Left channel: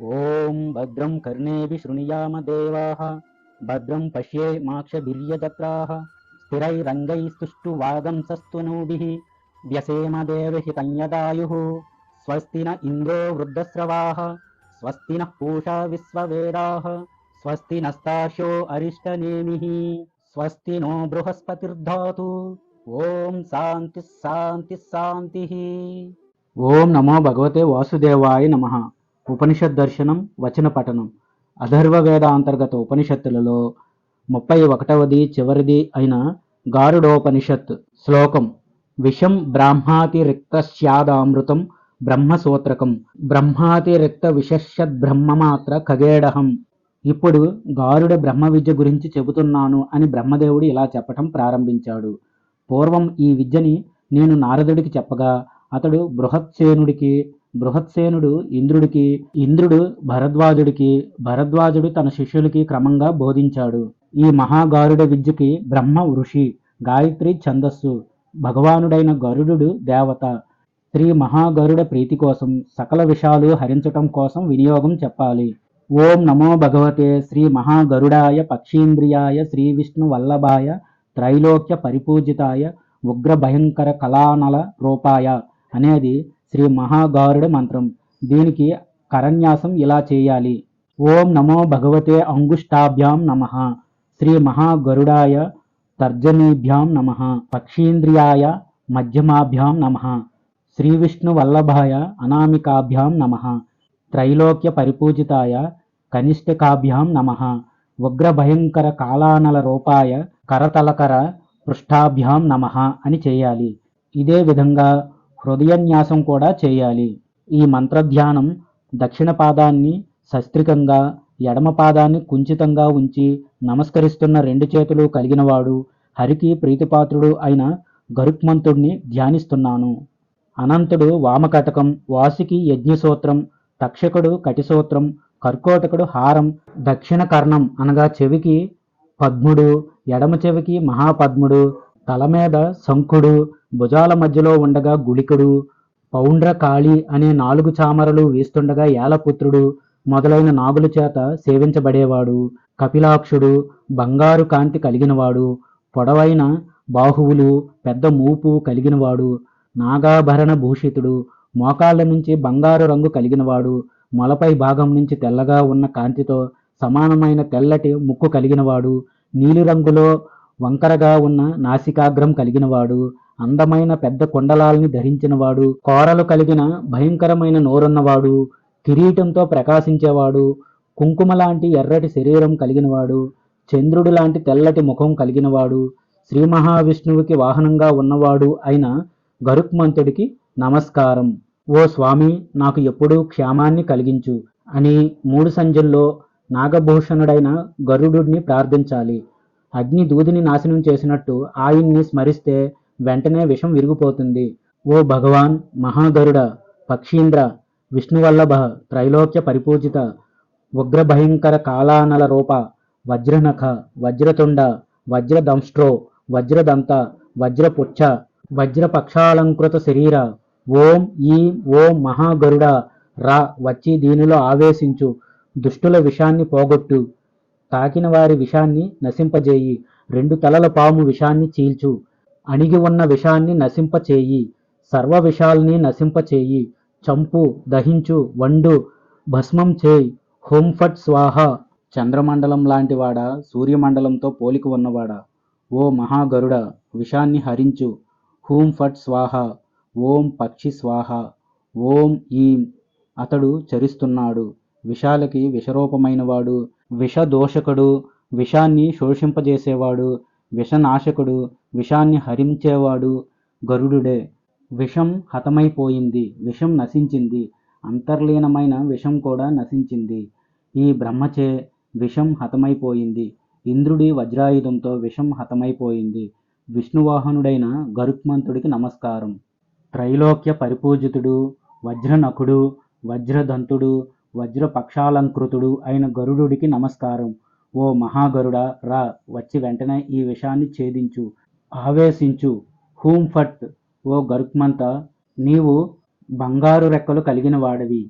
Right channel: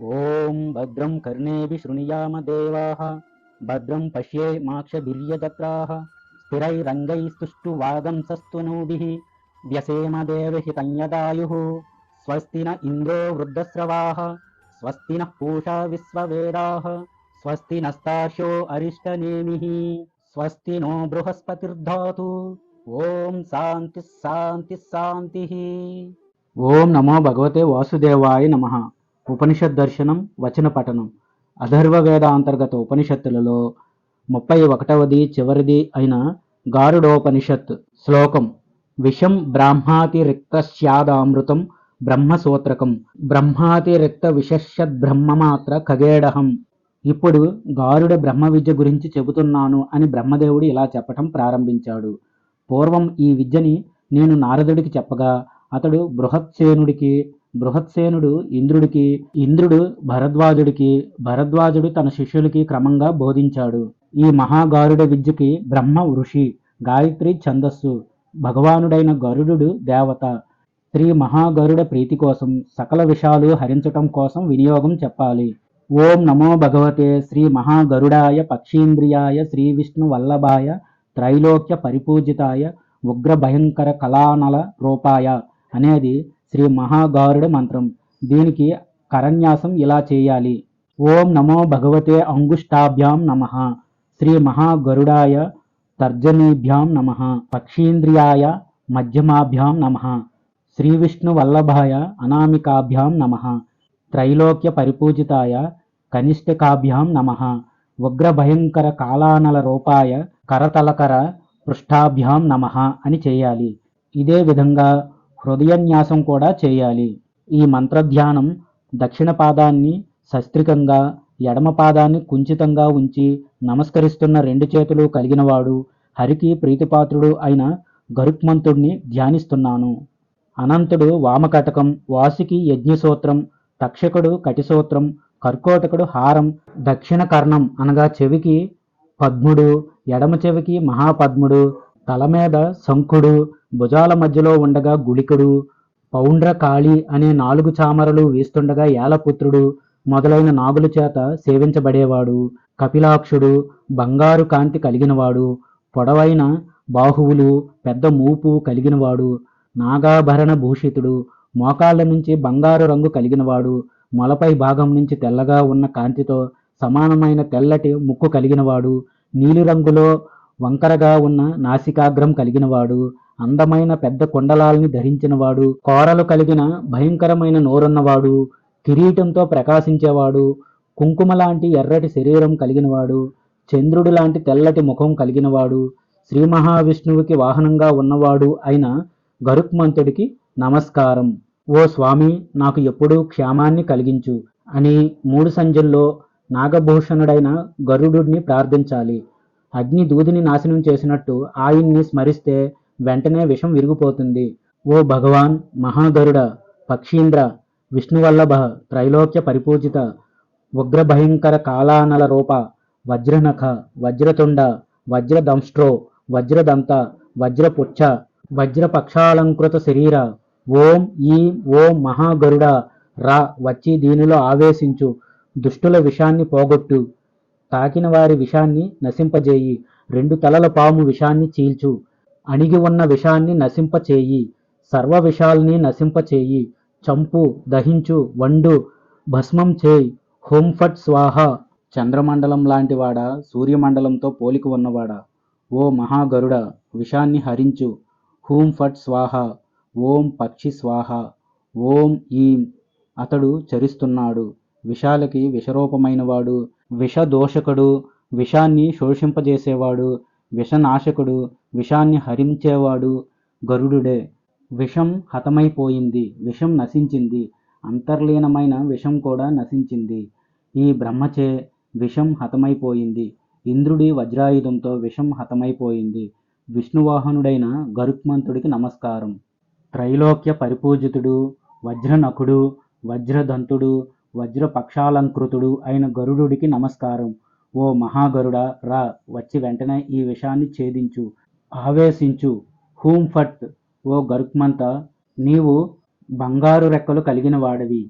ఓం భద్రం కర్ణేభిः శృణుయామదేవాः భద్రం పశ్యేమాక్షభిర్యజత్రాः స్థిరైరంగైస్తుష్టువాదంసస్తనూభిः వ్యసేమ దేవహితం యదాయుः స్వస్తి న ఇంద్రో వృద్ధశ్రవాः స్వస్తి నః పూషా విశ్వవేదాः స్వస్తి నస్తార్క్ష్యో అరిష్టనేమిः స్వస్తి నో బృహస్పతిర్ధాతు. ఓం శాంతి శాంతి శాంతి. ఓం నమో భగవతే వాసుదేవాయ నమః. ఉపనిషత్ దర్శనం వచన పఠనం. అథర్వ వేద అంతర్గత ఉపనిషత్తులలో 31వ చివరిది అయిన గారుడోపనిషత్. శ్లోకం: విషం బ్రాహ్మాతిరిక్తస్యాదమృతం బ్రహ్మసూత్రకం బ్రహ్మాతిరిక్త విశేషద్బ్రహ్మమాత్ర ఖగేడహం. ఇప్పుడు గారుడ బ్రహ్మ విద్య గురించి చెబుతున్నాను అని బ్రహ్మదేవుడు ఇలా చెప్పటం ప్రారంభించాడు. పూర్వం ఈ విద్యని నేను నారదుడికి చెప్పగా అతడు బృహత్సేనుడికి, బృహత్సేనుడు ఇంద్రుడికి, ఇంద్రుడు భరద్వాజుడికి, భరద్వాజుడు తన శిష్యులకి క్రమంగా బోధించాడు. ఈ మహాగారుడ విద్యకి బ్రహ్మ ఋషి, గాయత్రి ఛందస్సు, భగవానుడైన గరుడు దేవత. శ్రీ మహాగరుడ ప్రీతి కోసం సకల విషయాలు హరించటం కోసం వినియోగం చెప్పాలి. ఓం నమో భగవతే శ్రీ మహాగరుడాయ పక్షీంద్రియాయ శ్రీ విష్ణు వల్లభాయ త్రైలోక్య పరిపూజితాయ ఉగ్ర భయంకర కళానల రూపాయ అనేది శ్రీ మహాగారుడ మంత్రం. దీనికి కరన్యాసం ఇలా చేయాలి: ఓం నమో భగవతే అంగుష్టాభ్యాం నమః, శ్రీ మహాగరుడాయ తర్జనీభ్యాం నమః, పక్షీంద్రియాయ మధ్యమాభ్యాం నమః, శ్రీ విష్ణు వల్లభాయ అనామికాభ్యాం నమః, త్రైలోక్య పరిపూజితాయ కనిష్ఠికాభ్యాం నమః, ఉగ్ర భయంకర కాళానల రూపాయ కరతలకర పృష్ఠాభ్యాం నమః అని చేయాలి. ఇదే విధంగా హృదయన్యాసం కూడా చేయాలి. ఈ మంత్రధ్యానం దక్షిణ పాదాన్ని సస్త్రికంగా, ఎడమ పాదాన్ని కుంచితంగా ఉంచి నమస్కరిస్తున్న రెండు చేతులు కలిగినవాడు, హరికి ప్రీతిపాత్రుడు అయిన గరుత్మంతుడిని ధ్యానిస్తున్నాను. అనంతుడు వామకటకం, వాసుకి యజ్ఞసూత్రం, తక్షకుడు కటిసూత్రం, కర్కోటకుడు హారం, దక్షిణ కర్ణం అనగా చెవికి పద్ముడు, ఎడమ చెవికి మహాపద్ముడు, తల మీద శంఖుడు, భుజాల మధ్యలో ఉండగా గుళికుడు, పౌండ్రకాళి అనే 4 చామరలు వీస్తుండగా ఏలపుత్రుడు మొదలైన నాగుల చేత సేవించబడేవాడు, కపిలాక్షుడు, బంగారు కాంతి కలిగినవాడు, పొడవైన బాహువులు, పెద్ద మూపు కలిగినవాడు, నాగాభరణ భూషితుడు, మోకాళ్ళ నుంచి బంగారు రంగు కలిగినవాడు, మొలపై భాగం నుంచి తెల్లగా ఉన్న కాంతితో సమానమైన తెల్లటి ముక్కు కలిగినవాడు, నీలిరంగులో వంకరగా ఉన్న నాసికాగ్రం కలిగినవాడు, అందమైన పెద్ద కుండలాల్ని ధరించినవాడు, కోరలు కలిగిన భయంకరమైన నోరున్నవాడు, కిరీటంతో ప్రకాశించేవాడు, కుంకుమ లాంటి ఎర్రటి శరీరం కలిగినవాడు, చంద్రుడి లాంటి తెల్లటి ముఖం కలిగినవాడు, శ్రీ మహావిష్ణువుకి వాహనంగా ఉన్నవాడు అయిన గరుత్మంతుడికి నమస్కారం. ఓ స్వామి, నాకు ఎప్పుడూ క్షేమాన్ని కలిగించు అని 3 సంధ్యల్లో నాగభూషణుడైన గరుడుని ప్రార్థించాలి. అగ్ని దూదిని నాశనం చేసినట్టు ఆయన్ని స్మరిస్తే వెంటనే విషం విరిగిపోతుంది. ఓ భగవాన్ మహాగరుడ, పక్షీంద్ర, విష్ణువల్లభ, త్రైలోక్య పరిపూజిత, ఉగ్ర భయంకర కాళానల రూప, వజ్రనఖ, వజ్రతుండ, వజ్రదంష్ట్రో, వజ్రదంత, వజ్రపుచ్చ, వజ్రపక్షాలంకృత శరీర, ఓం ఈ ఓం మహాగరుడ రా, వచ్చి దీనిలో ఆవేశించు, దుష్టుల విషాన్ని పోగొట్టు, తాకిన వారి విషాన్ని నశింపజేయి, 2 తలల పాము విషాన్ని చీల్చు, అణిగి ఉన్న విషాన్ని నశింపచేయి, సర్వ విషాల్ని నశింపచేయి, చంపు, దహించు, వండు, భస్మం చేయి, హోం ఫట్ స్వాహ. చంద్రమండలం లాంటివాడా, సూర్యమండలంతో పోలిక ఉన్నవాడా, ఓ మహాగరుడ విషాన్ని హరించు, హూం ఫట్ స్వాహ, ఓం పక్షి స్వాహ, ఓం ఈం. అతడు చరిస్తున్నాడు, విషాలకి విషరూపమైనవాడు, విషదోషకుడు, విషాన్ని శోషింపజేసేవాడు, విషనాశకుడు, విషాన్ని హరించేవాడు గరుడుడే. విషం హతమైపోయింది, విషం నశించింది, అంతర్లీనమైన విషం కూడా నశించింది. ఈ బ్రహ్మచే విషం హతమైపోయింది, ఇంద్రుడి వజ్రాయుధంతో విషం హతమైపోయింది. విష్ణువాహనుడైన గరుత్మంతుడికి నమస్కారం. త్రైలోక్య పరిపూజితుడు, వజ్రనఖుడు, వజ్రదంతుడు, వజ్రపక్షాలంకృతుడు అయిన గరుడుడికి నమస్కారం. ఓ మహాగరుడ రా, వచ్చి వెంటనే ఈ విషాన్ని ఛేదించు, ఆవేశించు. హూం ఫట్. ఓ గరుత్మంత, నీవు బంగారు రెక్కలు కలిగిన వాడివి,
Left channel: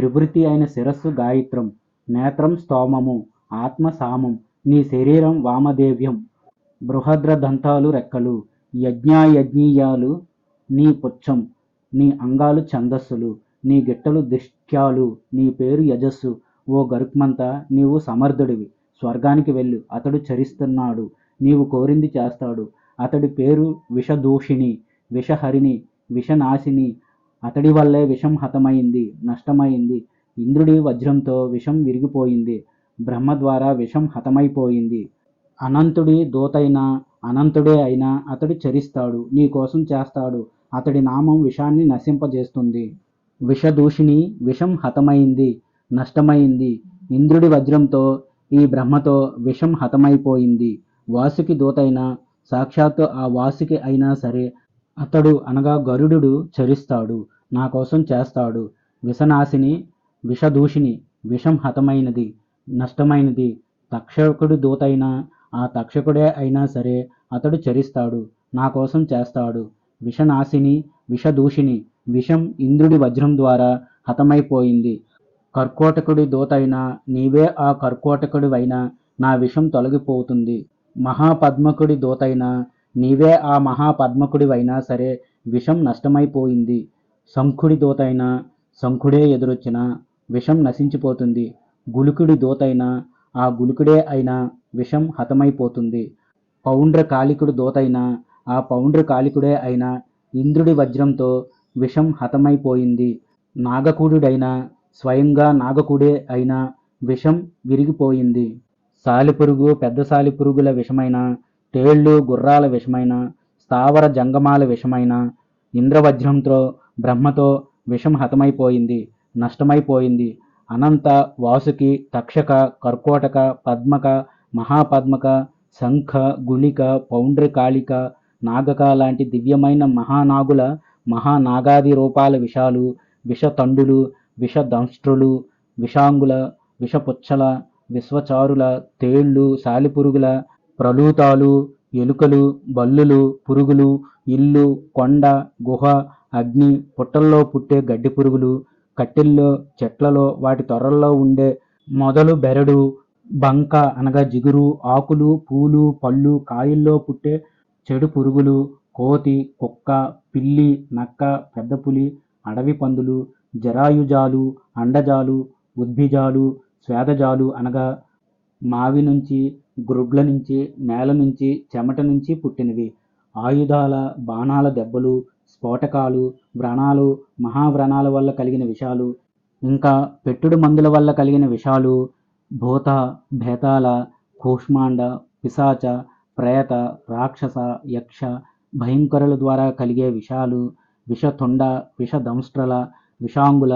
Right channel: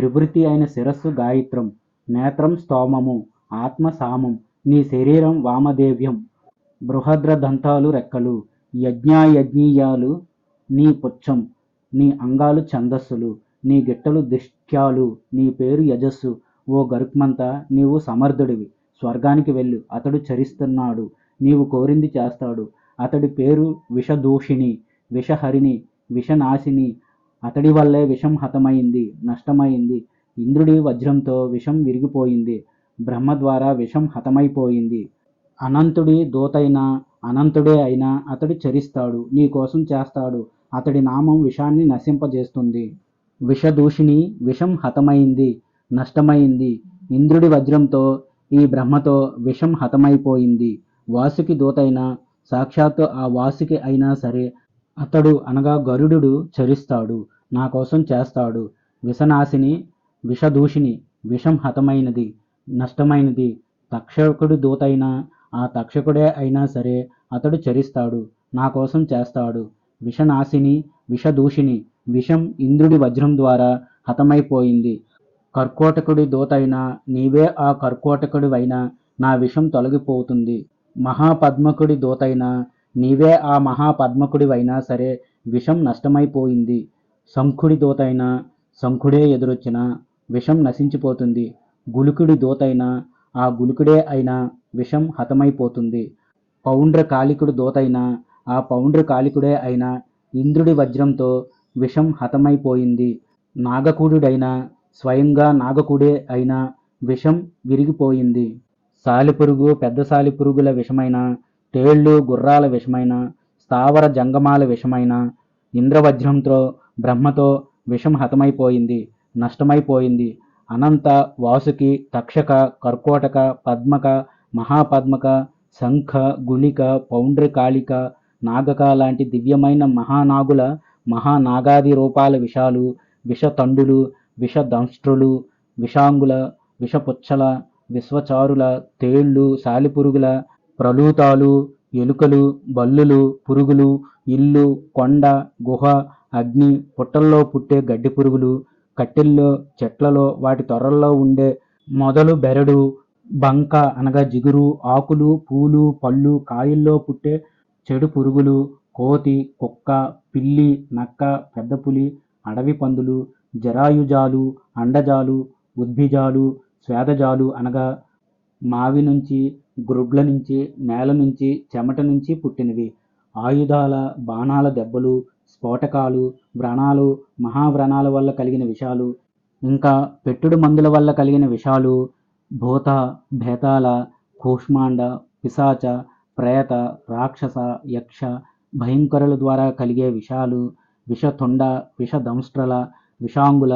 త్రివృతి అయిన శిరస్సు గాయత్రం, నేత్రం స్తోమము, ఆత్మ సామం, నీ శరీరం వామదేవ్యం, బృహద్ర దంతాలు రెక్కలు, యజ్ఞాయజ్ఞీయాలు నీ పుచ్చం, నీ అంగాలు ఛందస్సులు, నీ గిట్టలు దిష్ట్యాలు, నీ పేరు యజస్సు. ఓ గరుత్మంత, నీవు సమర్థుడివి, స్వర్గానికి వెళ్ళు, అతడు చరిస్తున్నాడు, నీవు కోరింది చేస్తాడు. అతడి పేరు విషదూషిణి, విషహరిణి, విషనాశిని. అతడి వల్లే విషం హతమైంది, నష్టమైంది. ఇంద్రుడి వజ్రంతో విషం విరిగిపోయింది, బ్రహ్మ ద్వారా విషం హతమైపోయింది. అనంతుడి దూతైన అనంతుడే అయినా అతడు చరిస్తాడు, నీ కోసం చేస్తాడు. అతడి నామం విషాన్ని నశింపజేస్తుంది. విషదూషిణి, విషం హతమైంది, నష్టమైంది. ఇంద్రుడి వజ్రంతో ఈ బ్రహ్మతో విషం హతమైపోయింది. వాసుకి దూతైన సాక్షాత్తు ఆ వాసుకి అయినా సరే అతడు అనగా గరుడు చరిస్తాడు, నా కోసం చేస్తాడు. విషనాశిని, విషదూషిణి, విషం హతమైనది, నష్టమైనది. తక్షకుడి దూతైన ఆ తక్షకుడే అయినా సరే అతడు చరిస్తాడు, నా కోసం చేస్తాడు. విషనాశిని, విషదూషిణి, విషం ఇంద్రుడి వజ్రం ద్వారా హతమైపోయింది. కర్కోటకుడి దూతైన నీవే ఆ కర్కోటకుడివైనా నా విషం తొలగిపోతుంది. మహాపద్మకుడి దూతైన నీవే ఆ మహాపద్మకుడివైనా సరే విషం నష్టమైపోయింది. శంఖుడి దూతైన శంఖుడే ఎదురొచ్చిన విషం నశించిపోతుంది. గులుకుడి దూతైన ఆ గులుకుడే అయినా విషం హతమైపోతుంది. పౌండ్ర కాళికుడి దూతైన ఆ పౌండ్ర కాళికుడే అయినా ఇంద్రుడి వజ్రంతో విషం హతమైపోయింది. నాగకుడుడైన స్వయంగా నాగకుడే అయినా విషం విరిగిపోయింది. సాలిపురుగు, పెద్ద సాలిపురుగుల విషమైన, తేళ్ళు, గుర్రాల విషమైన, స్థావర జంగమాల విషమైన ఇంద్రవజ్రంతో బ్రహ్మతో విషం హతమైపోయింది, నష్టమైపోయింది. అనంత, వాసుకి, తక్షక, కర్కోటక, పద్మక, మహాపద్మక, శంఖ, గుళిక, పౌండ్రకాళిక, నాగక లాంటి దివ్యమైన మహానాగుల మహానాగాది రూపాల విషాలు, విషతండులు, విషదంష్ట్రులు, విషాంగుల, విషపుచ్చల, విశ్వచారుల, తేళ్ళు, సాలిపురుగుల, ప్రలూతాలు, ఎలుకలు, బల్లులు, పురుగులు, ఇల్లు, కొండ, గుహ, అగ్ని, పుట్టల్లో పుట్టే గడ్డి పురుగులు, కట్టెల్లో, చెట్లలో, వాటి తొర్రల్లో ఉండే మొదలు, బెరడు, బంక అనగా జిగురు, ఆకులు, పూలు, పళ్ళు, కాయల్లో పుట్టే చెడు పురుగులు, కోతి, కుక్క, పిల్లి, నక్క, పెద్ద పులి, అడవి పందులు, జరాయుజాలు, అండజాలు, ఉద్భిజాలు, స్వేదజాలు అనగా మావి నుంచి, గ్రుడ్ల నుంచి, నేల నుంచి, చెమట నుంచి పుట్టినవి. ఆయుధాల, బాణాల దెబ్బలు, స్ఫోటకాలు, వ్రణాలు, మహావ్రణాల వల్ల కలిగిన విషాలు, ఇంకా పెట్టుడు మందుల వల్ల కలిగిన విషాలు, భూత, భేతాల, కూష్మాండ, పిశాచ, ప్రేత, రాక్షస, యక్ష, భయంకరుల ద్వారా కలిగే విషాలు, విషతుండ, విషదంష్ట్రల, విషాంగుల,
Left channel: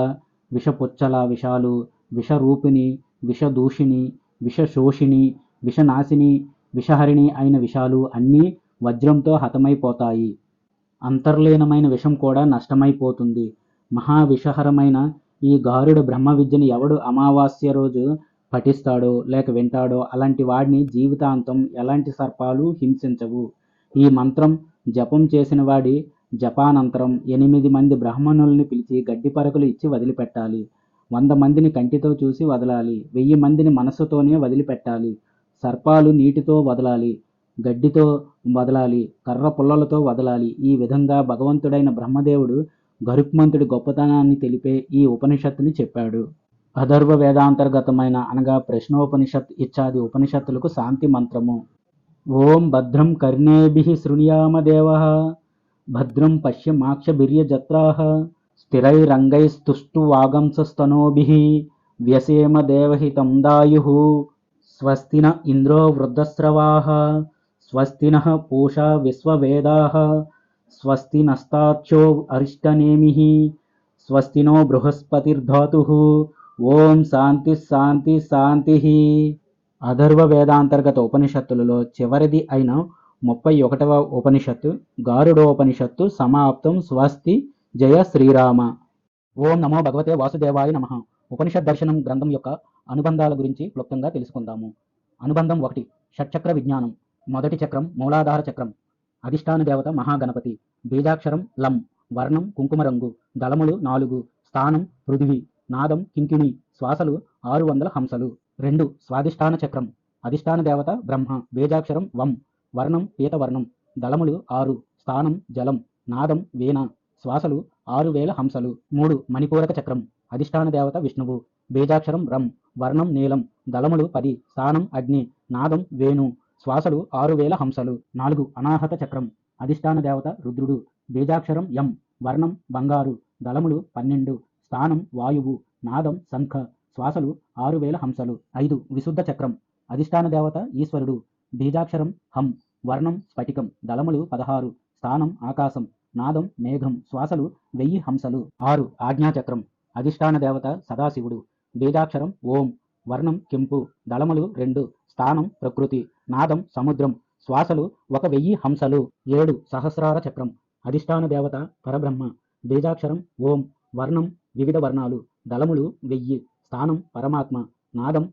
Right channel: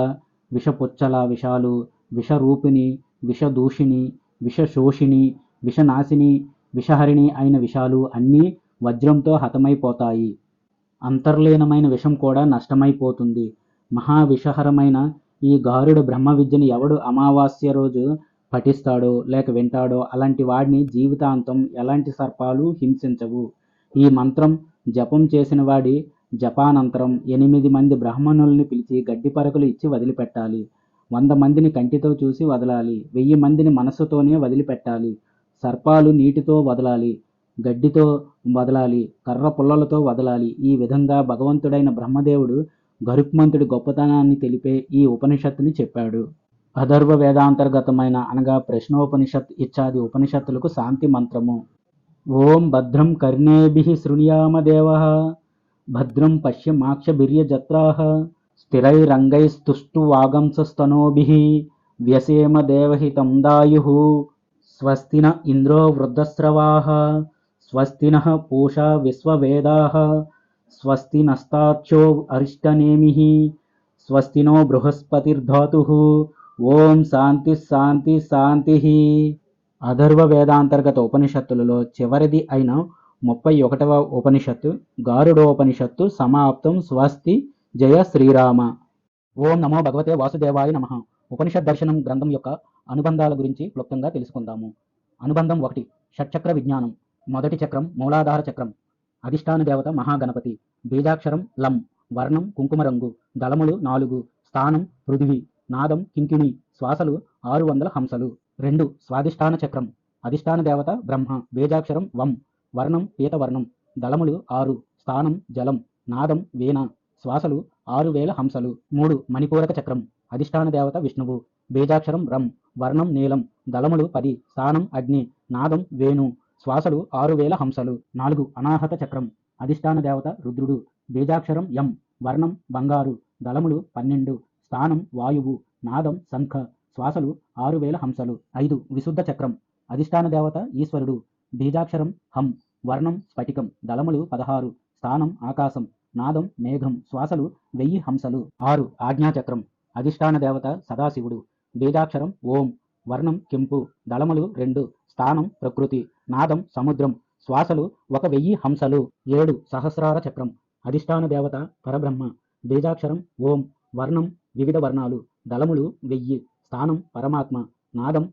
విషపుచ్చల విషాలు, విషరూపిణి, విషదూషిణి, విషశోషిణి, విషనాశిని, విషహరిణి అయిన విషాలు అన్నీ వజ్రంతో హతమైపోతాయి. అంతర్లీనమైన విషం కూడా నష్టమైపోతుంది. మహావిషహరమైన ఈ గారుడ బ్రహ్మ విద్యని ఎవడు అమావాస్య రోజు పఠిస్తాడో లేక వింటాడో అలాంటి వాడిని జీవితాంతం ఎలాంటి సర్పాలు హింసించవు. ఈ మంత్రం జపం చేసిన వాడి జపానంతరం 8 మంది బ్రాహ్మణుల్ని పిలిచి గడ్డి పరకలు ఇచ్చి వదిలిపెట్టాలి. 100 మందిని కంటితో చూసి వదలాలి. 1000 మందిని మనస్సుతోనే వదిలిపెట్టాలి. సర్పాలు నీటితో వదలాలి, గడ్డితో వదలాలి, కర్ర పుల్లలతో వదలాలి. ఈ విధంగా భగవంతుడైన బ్రహ్మదేవుడు గరుత్మంతుడి గొప్పతనాన్ని తెలిపే ఈ ఉపనిషత్తుని చెప్పాడు. అథర్వ వేదాంతర్గతమైన అనగా ప్రశ్నోపనిషత్ ఇత్యాది ఉపనిషత్తులకు శాంతి మంత్రము. ఓం భద్రం కర్ణేభిః శృణుయామ దేవః, భద్రం పశ్యమాక్షభిర్యజత్రాః, స్థిరైరంగైస్తుష్టువాగంసస్తనూభిః, వ్యసేమ దేవహితం దాయుః. స్వస్తి న ఇంద్రో వృద్ధశ్రవాః, స్వస్తి నః పూషా విశ్వవేదాః, స్వస్తి నస్తార్క్ష్యో అరిష్టనేమిః, స్వస్తి నో బృహస్పతిర్ధాతుః. ఓం శాంతి శాంతి శాంతి. అథర్వ వేదాంతర్గత ఉపనిషత్తులలో చివరిది అయిన 31వ ఉపనిషత్తు గారుడోపనిషత్తు సమాప్తం. స్వస్తి. జయ శ్రీరామ. ఓం నమో భగవతే వాసుదేవాయ నమః. ఉపనిషత్ దర్శనం గ్రంథం యొక్క అనుబంధాల గురించి క్లుప్తంగా తెలుసుకుందాము. అనుబంధం 1. షట్చక్ర విజ్ఞానం. మొదటి చక్రం మూలాధార చక్రం. అధిష్టాన దేవత మహాగణపతి. బీజాక్షరం లం. వర్ణం కుంకుమ రంగు. దళములు 4. స్థానం పృథివీ. నాదం కింకిణి, శ్వాసలు 600 హంసలు. 2 స్వాదిష్టాన చక్రం, అధిష్టాన దేవత బ్రహ్మ, బీజాక్షరం వం, వర్ణం పీతవర్ణం, దళములు 6, స్థానం జలం, నాదం వీణ, శ్వాసలు 6000 హంసలు. 3 మణిపూరక చక్రం, అధిష్టాన దేవత విష్ణువు, బీజాక్షరం రం, వర్ణం నీలం, దళములు 10, స్థానం అగ్ని, నాదం వేణు, శ్వాసలు 6000 హంసలు. 4 అనాహత చక్రం, అధిష్టాన దేవత రుద్రుడు, బీజాక్షరం యం, వర్ణం బంగారు, దళములు 12, స్థానం వాయువు, నాదం శంఖ, శ్వాసలు 6000 హంసలు. 5 విశుద్ధ చక్రం, అధిష్టాన దేవత ఈశ్వరుడు, బీజాక్షరం హం, వర్ణం స్ఫటికం, దళములు 16, స్థానం ఆకాశం, నాదం మేఘం, శ్వాసలు 1000 హంసలు. 6 ఆజ్ఞాచక్రం, అధిష్టాన దేవత సదాశివుడు, బీజాక్షరం ఓం, వర్ణం కెంపు, దళములు 2, స్థానం ప్రకృతి, నాదం సముద్రం, శ్వాసలు 1000 హంసలు. 7 సహస్రార చక్రం, అధిష్టాన దేవత పరబ్రహ్మ, బీజాక్షరం ఓం, వర్ణం వివిధ వర్ణాలు, దళములు 1000, స్థానం పరమాత్మ, నాదం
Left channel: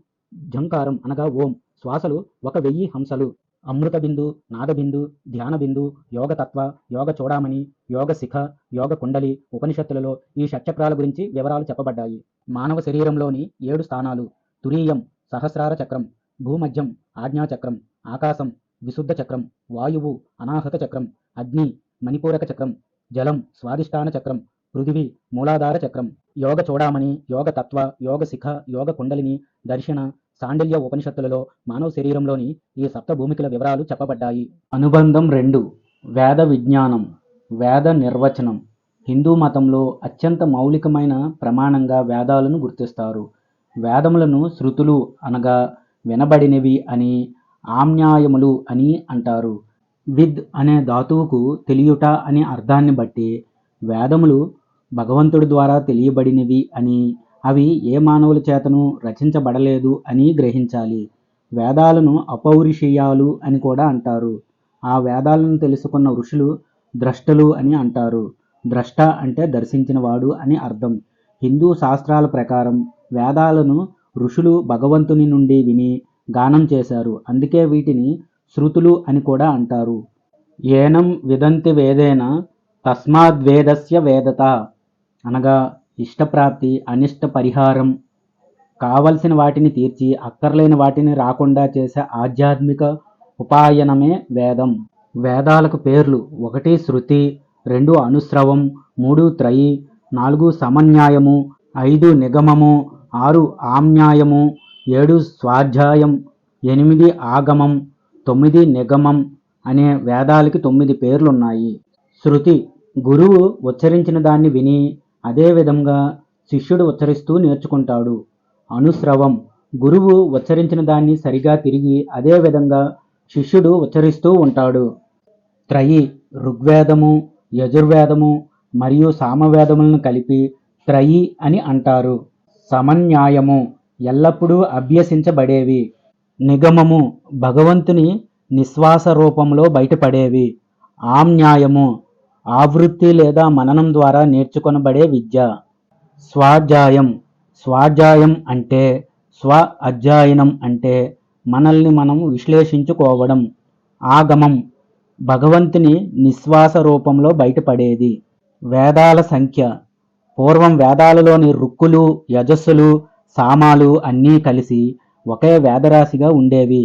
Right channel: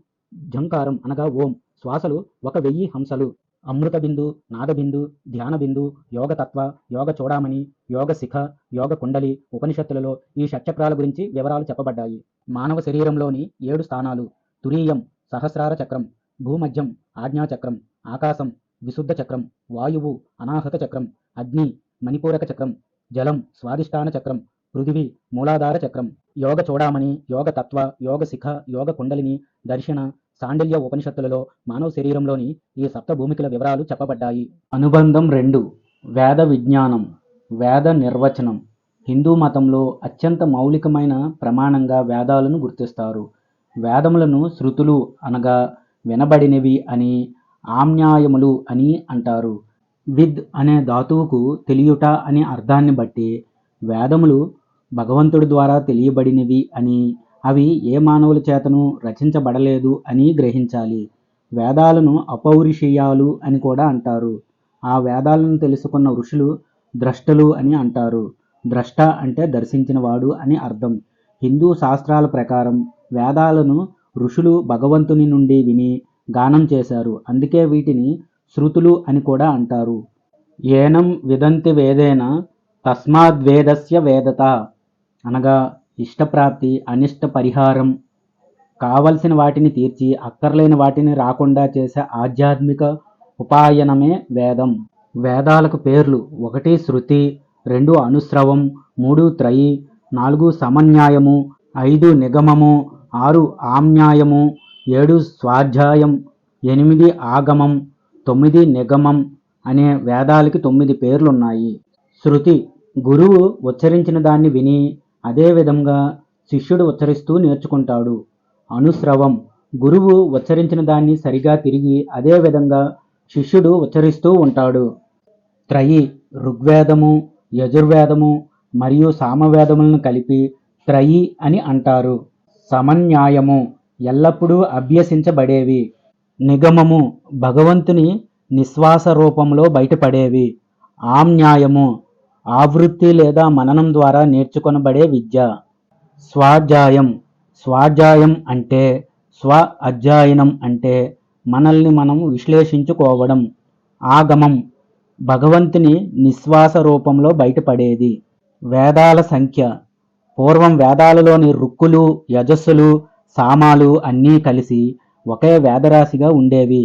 ఝంకారం అనగా ఓం, శ్వాసలు 1000 హంసలు. అమృత బిందు, నాదబిందు, ధ్యాన బిందు, యోగతత్వ, యోగ చూడామణి, యోగ శిఖ, యోగ కుండలి ఉపనిషత్తులలో ఈ షట్చక్రాల గురించి వివరాలు చెప్పబడ్డాయి. మానవ శరీరంలోని 7 స్థానాలు: తురీయం సహస్రార చక్రం, భూమధ్యం ఆజ్ఞాచక్రం, ఆకాశం విశుద్ధ చక్రం, వాయువు అనాహత చక్రం, అగ్ని మణిపూరక చక్రం, జలం స్వాదిష్టాన చక్రం, పృథివీ మూలాధార చక్రం. యోగ చూడామణి, యోగ తత్వ, యోగ శిఖ, యోగ కుండలిని, దర్శన, సాండిల్య ఉపనిషత్తులలో మానవ శరీరంలోని ఈ సప్త భూమికల వివరాలు చెప్పబడ్డాయి. అనుబంధం 2 వేద విజ్ఞానం, వేద నిర్వచనం. హిందూ మతంలో అత్యంత మౌలికమైన ప్రమాణంగా వేదాలను గుర్తిస్తారు. వేదములను శృతులు అనగా వినబడినవి అని, ఆమ్నాయములు అని అంటారు. విద్ అనే ధాతువుకు తెలియుట అనే అర్థాన్ని బట్టి వేదములు భగవంతుడి ద్వారా తెలియబడినవి అని, అవి ఏ మానవుల చేతను రచించబడలేదు అని గ్రహించాలి. వేదాలను అపౌరుషేయాలు అని కూడా అంటారు. ఆ వేదాలను తెలుసుకున్న ఋషులు ద్రష్టలు అని అంటారు. ద్రష్ట అంటే దర్శించినవాడు అని అర్థం. హిందూ శాస్త్రాల ప్రకారం వేదాలను ఋషులు భగవంతుని నుండి విని గానం చేశారు. అందుకే వీటిని శృతులు అని కూడా అంటారు. ఏనం విదంతి వేదేన తస్మాద్వేదస్య వేదత అనగా ఇష్టప్రాప్తి, అనిష్ట పరిహారం, కావలసిన వాటిని తీర్చి అక్కర్లేని వాటిని రాకుండా చేసే ఆధ్యాత్మిక ఉపాయనమే వేదం. వేదాలకు పేర్లు: 1 శృతి, 2 అనుశ్రవం, 3 త్రయి, 4 సమన్యాయము, 5 నిగమము, 6 ఆమ్నాయము, 7 స్వాధ్యాయం, 8 ఆగమం, 9 నిగమం అనే వేదాలకి 9 పేర్లున్నాయి. శృతి గురువు ఉచ్చరించిన దాన్ని విని అదే విధంగా శిష్యుడు ఉచ్చరిస్తూ నేర్చుకుంటాడు. అనుశ్రవం గురువు ఉచ్చరించిన దాన్ని సరిగా తిరిగి అదే విధంగా శిష్యుడు ఉచ్చరిస్తూ ఉంటాడు. త్రయి ఋగ్వేదము, యజుర్వేదము మరియు సామవేదములను కలిపి త్రయి అని అంటారు. సమన్యాయము ఎల్లప్పుడూ అభ్యసించబడేవి. నిగమము భగవంతుని నిశ్వాస రూపంలో బయటపడేవి. ఆమ్నాయము ఆవృత్తి లేదా మననం ద్వారా నేర్చుకొనబడే విద్య. స్వాధ్యాయం స్వాధ్యాయం అంటే స్వ అధ్యయనం అంటే మనల్ని మనం విశ్లేషించుకోవడం. ఆగమం భగవంతుని నిశ్వాస రూపంలో బయటపడేది. వేదాల సంఖ్య పూర్వం వేదాలలోని రుక్కులు, యజస్సులు, సామాలు అన్నీ కలిసి ఒకే వేదరాశిగా ఉండేవి.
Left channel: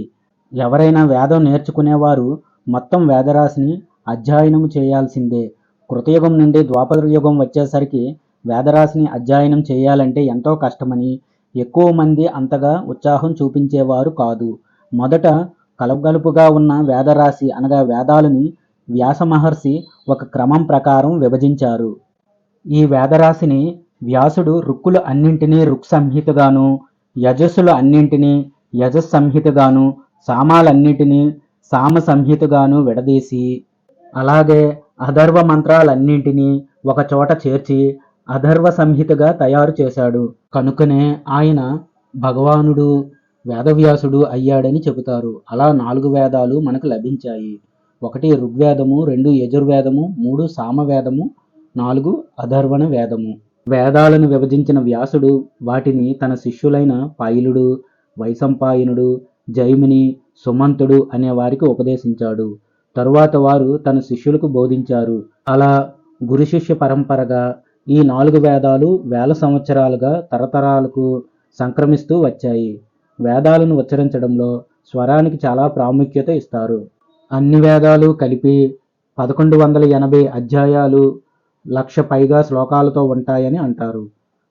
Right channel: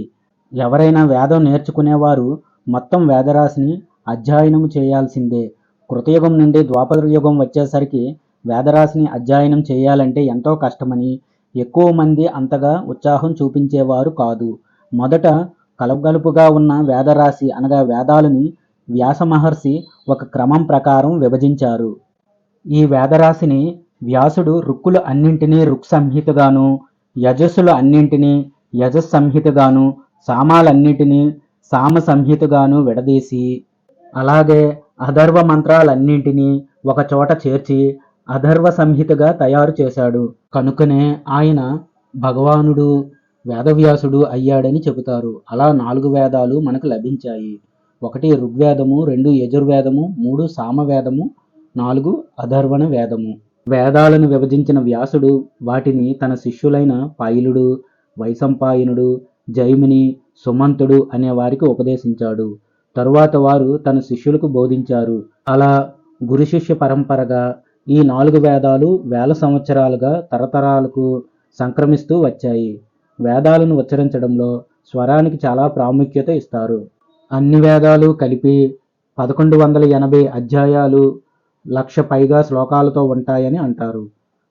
ఎవరైనా వేదం నేర్చుకునేవారు మొత్తం వేదరాశిని అధ్యయనం చేయాల్సిందే. కృతయుగం నుండి ద్వాపర యుగం వచ్చేసరికి వేదరాశిని అధ్యయనం చేయాలంటే ఎంతో కష్టమని ఎక్కువ మంది అంతగా ఉత్సాహం చూపించేవారు కాదు. మొదట కలగలుపుగా ఉన్న వేదరాశి అనగా వేదాలని వ్యాస మహర్షి ఒక క్రమం ప్రకారం విభజించారు. ఈ వేదరాశిని వ్యాసుడు రుక్కులు అన్నింటినీ రుక్ సంహితగాను, యజస్సులు అన్నింటినీ యజస్ సంహితగాను, సామాలన్నింటినీ సామ సంహితగాను విడదీసి, అలాగే అథర్వ మంత్రాలన్నింటినీ ఒక చోట చేర్చి అథర్వ సంహితగా తయారు చేశాడు. కనుకనే ఆయన భగవానుడు, వేదవ్యాసుడు అయ్యాడని చెబుతారు. అలా 4 వేదాలు మనకు లభించాయి. 1 ఋగ్వేదము, 2 యజుర్వేదము, 3 సామవేదము, 4 అథర్వణ వేదము. వేదాలను విభజించిన వ్యాసుడు వాటిని తన శిష్యులైన పైలుడు, వైశంపాయనుడు, జైమిని, సుమంతుడు అనే వారికి ఉపదేశించాడు. తరువాత వారు తన శిష్యులకు బోధించారు. అలా గురు శిష్య పరంపరగా ఈ 4 వేదాలు వేల సంవత్సరాలుగా తరతరాలకు సంక్రమిస్తూ వచ్చాయి. వేదాలను ఉచ్చరించడంలో స్వరానికి చాలా ప్రాముఖ్యత ఇస్తారు. అన్ని వేదాలు కలిపి 1180 అధ్యాయాలు, 1,00,000 పైగా శ్లోకాలతో ఉంటాయని అంటారు.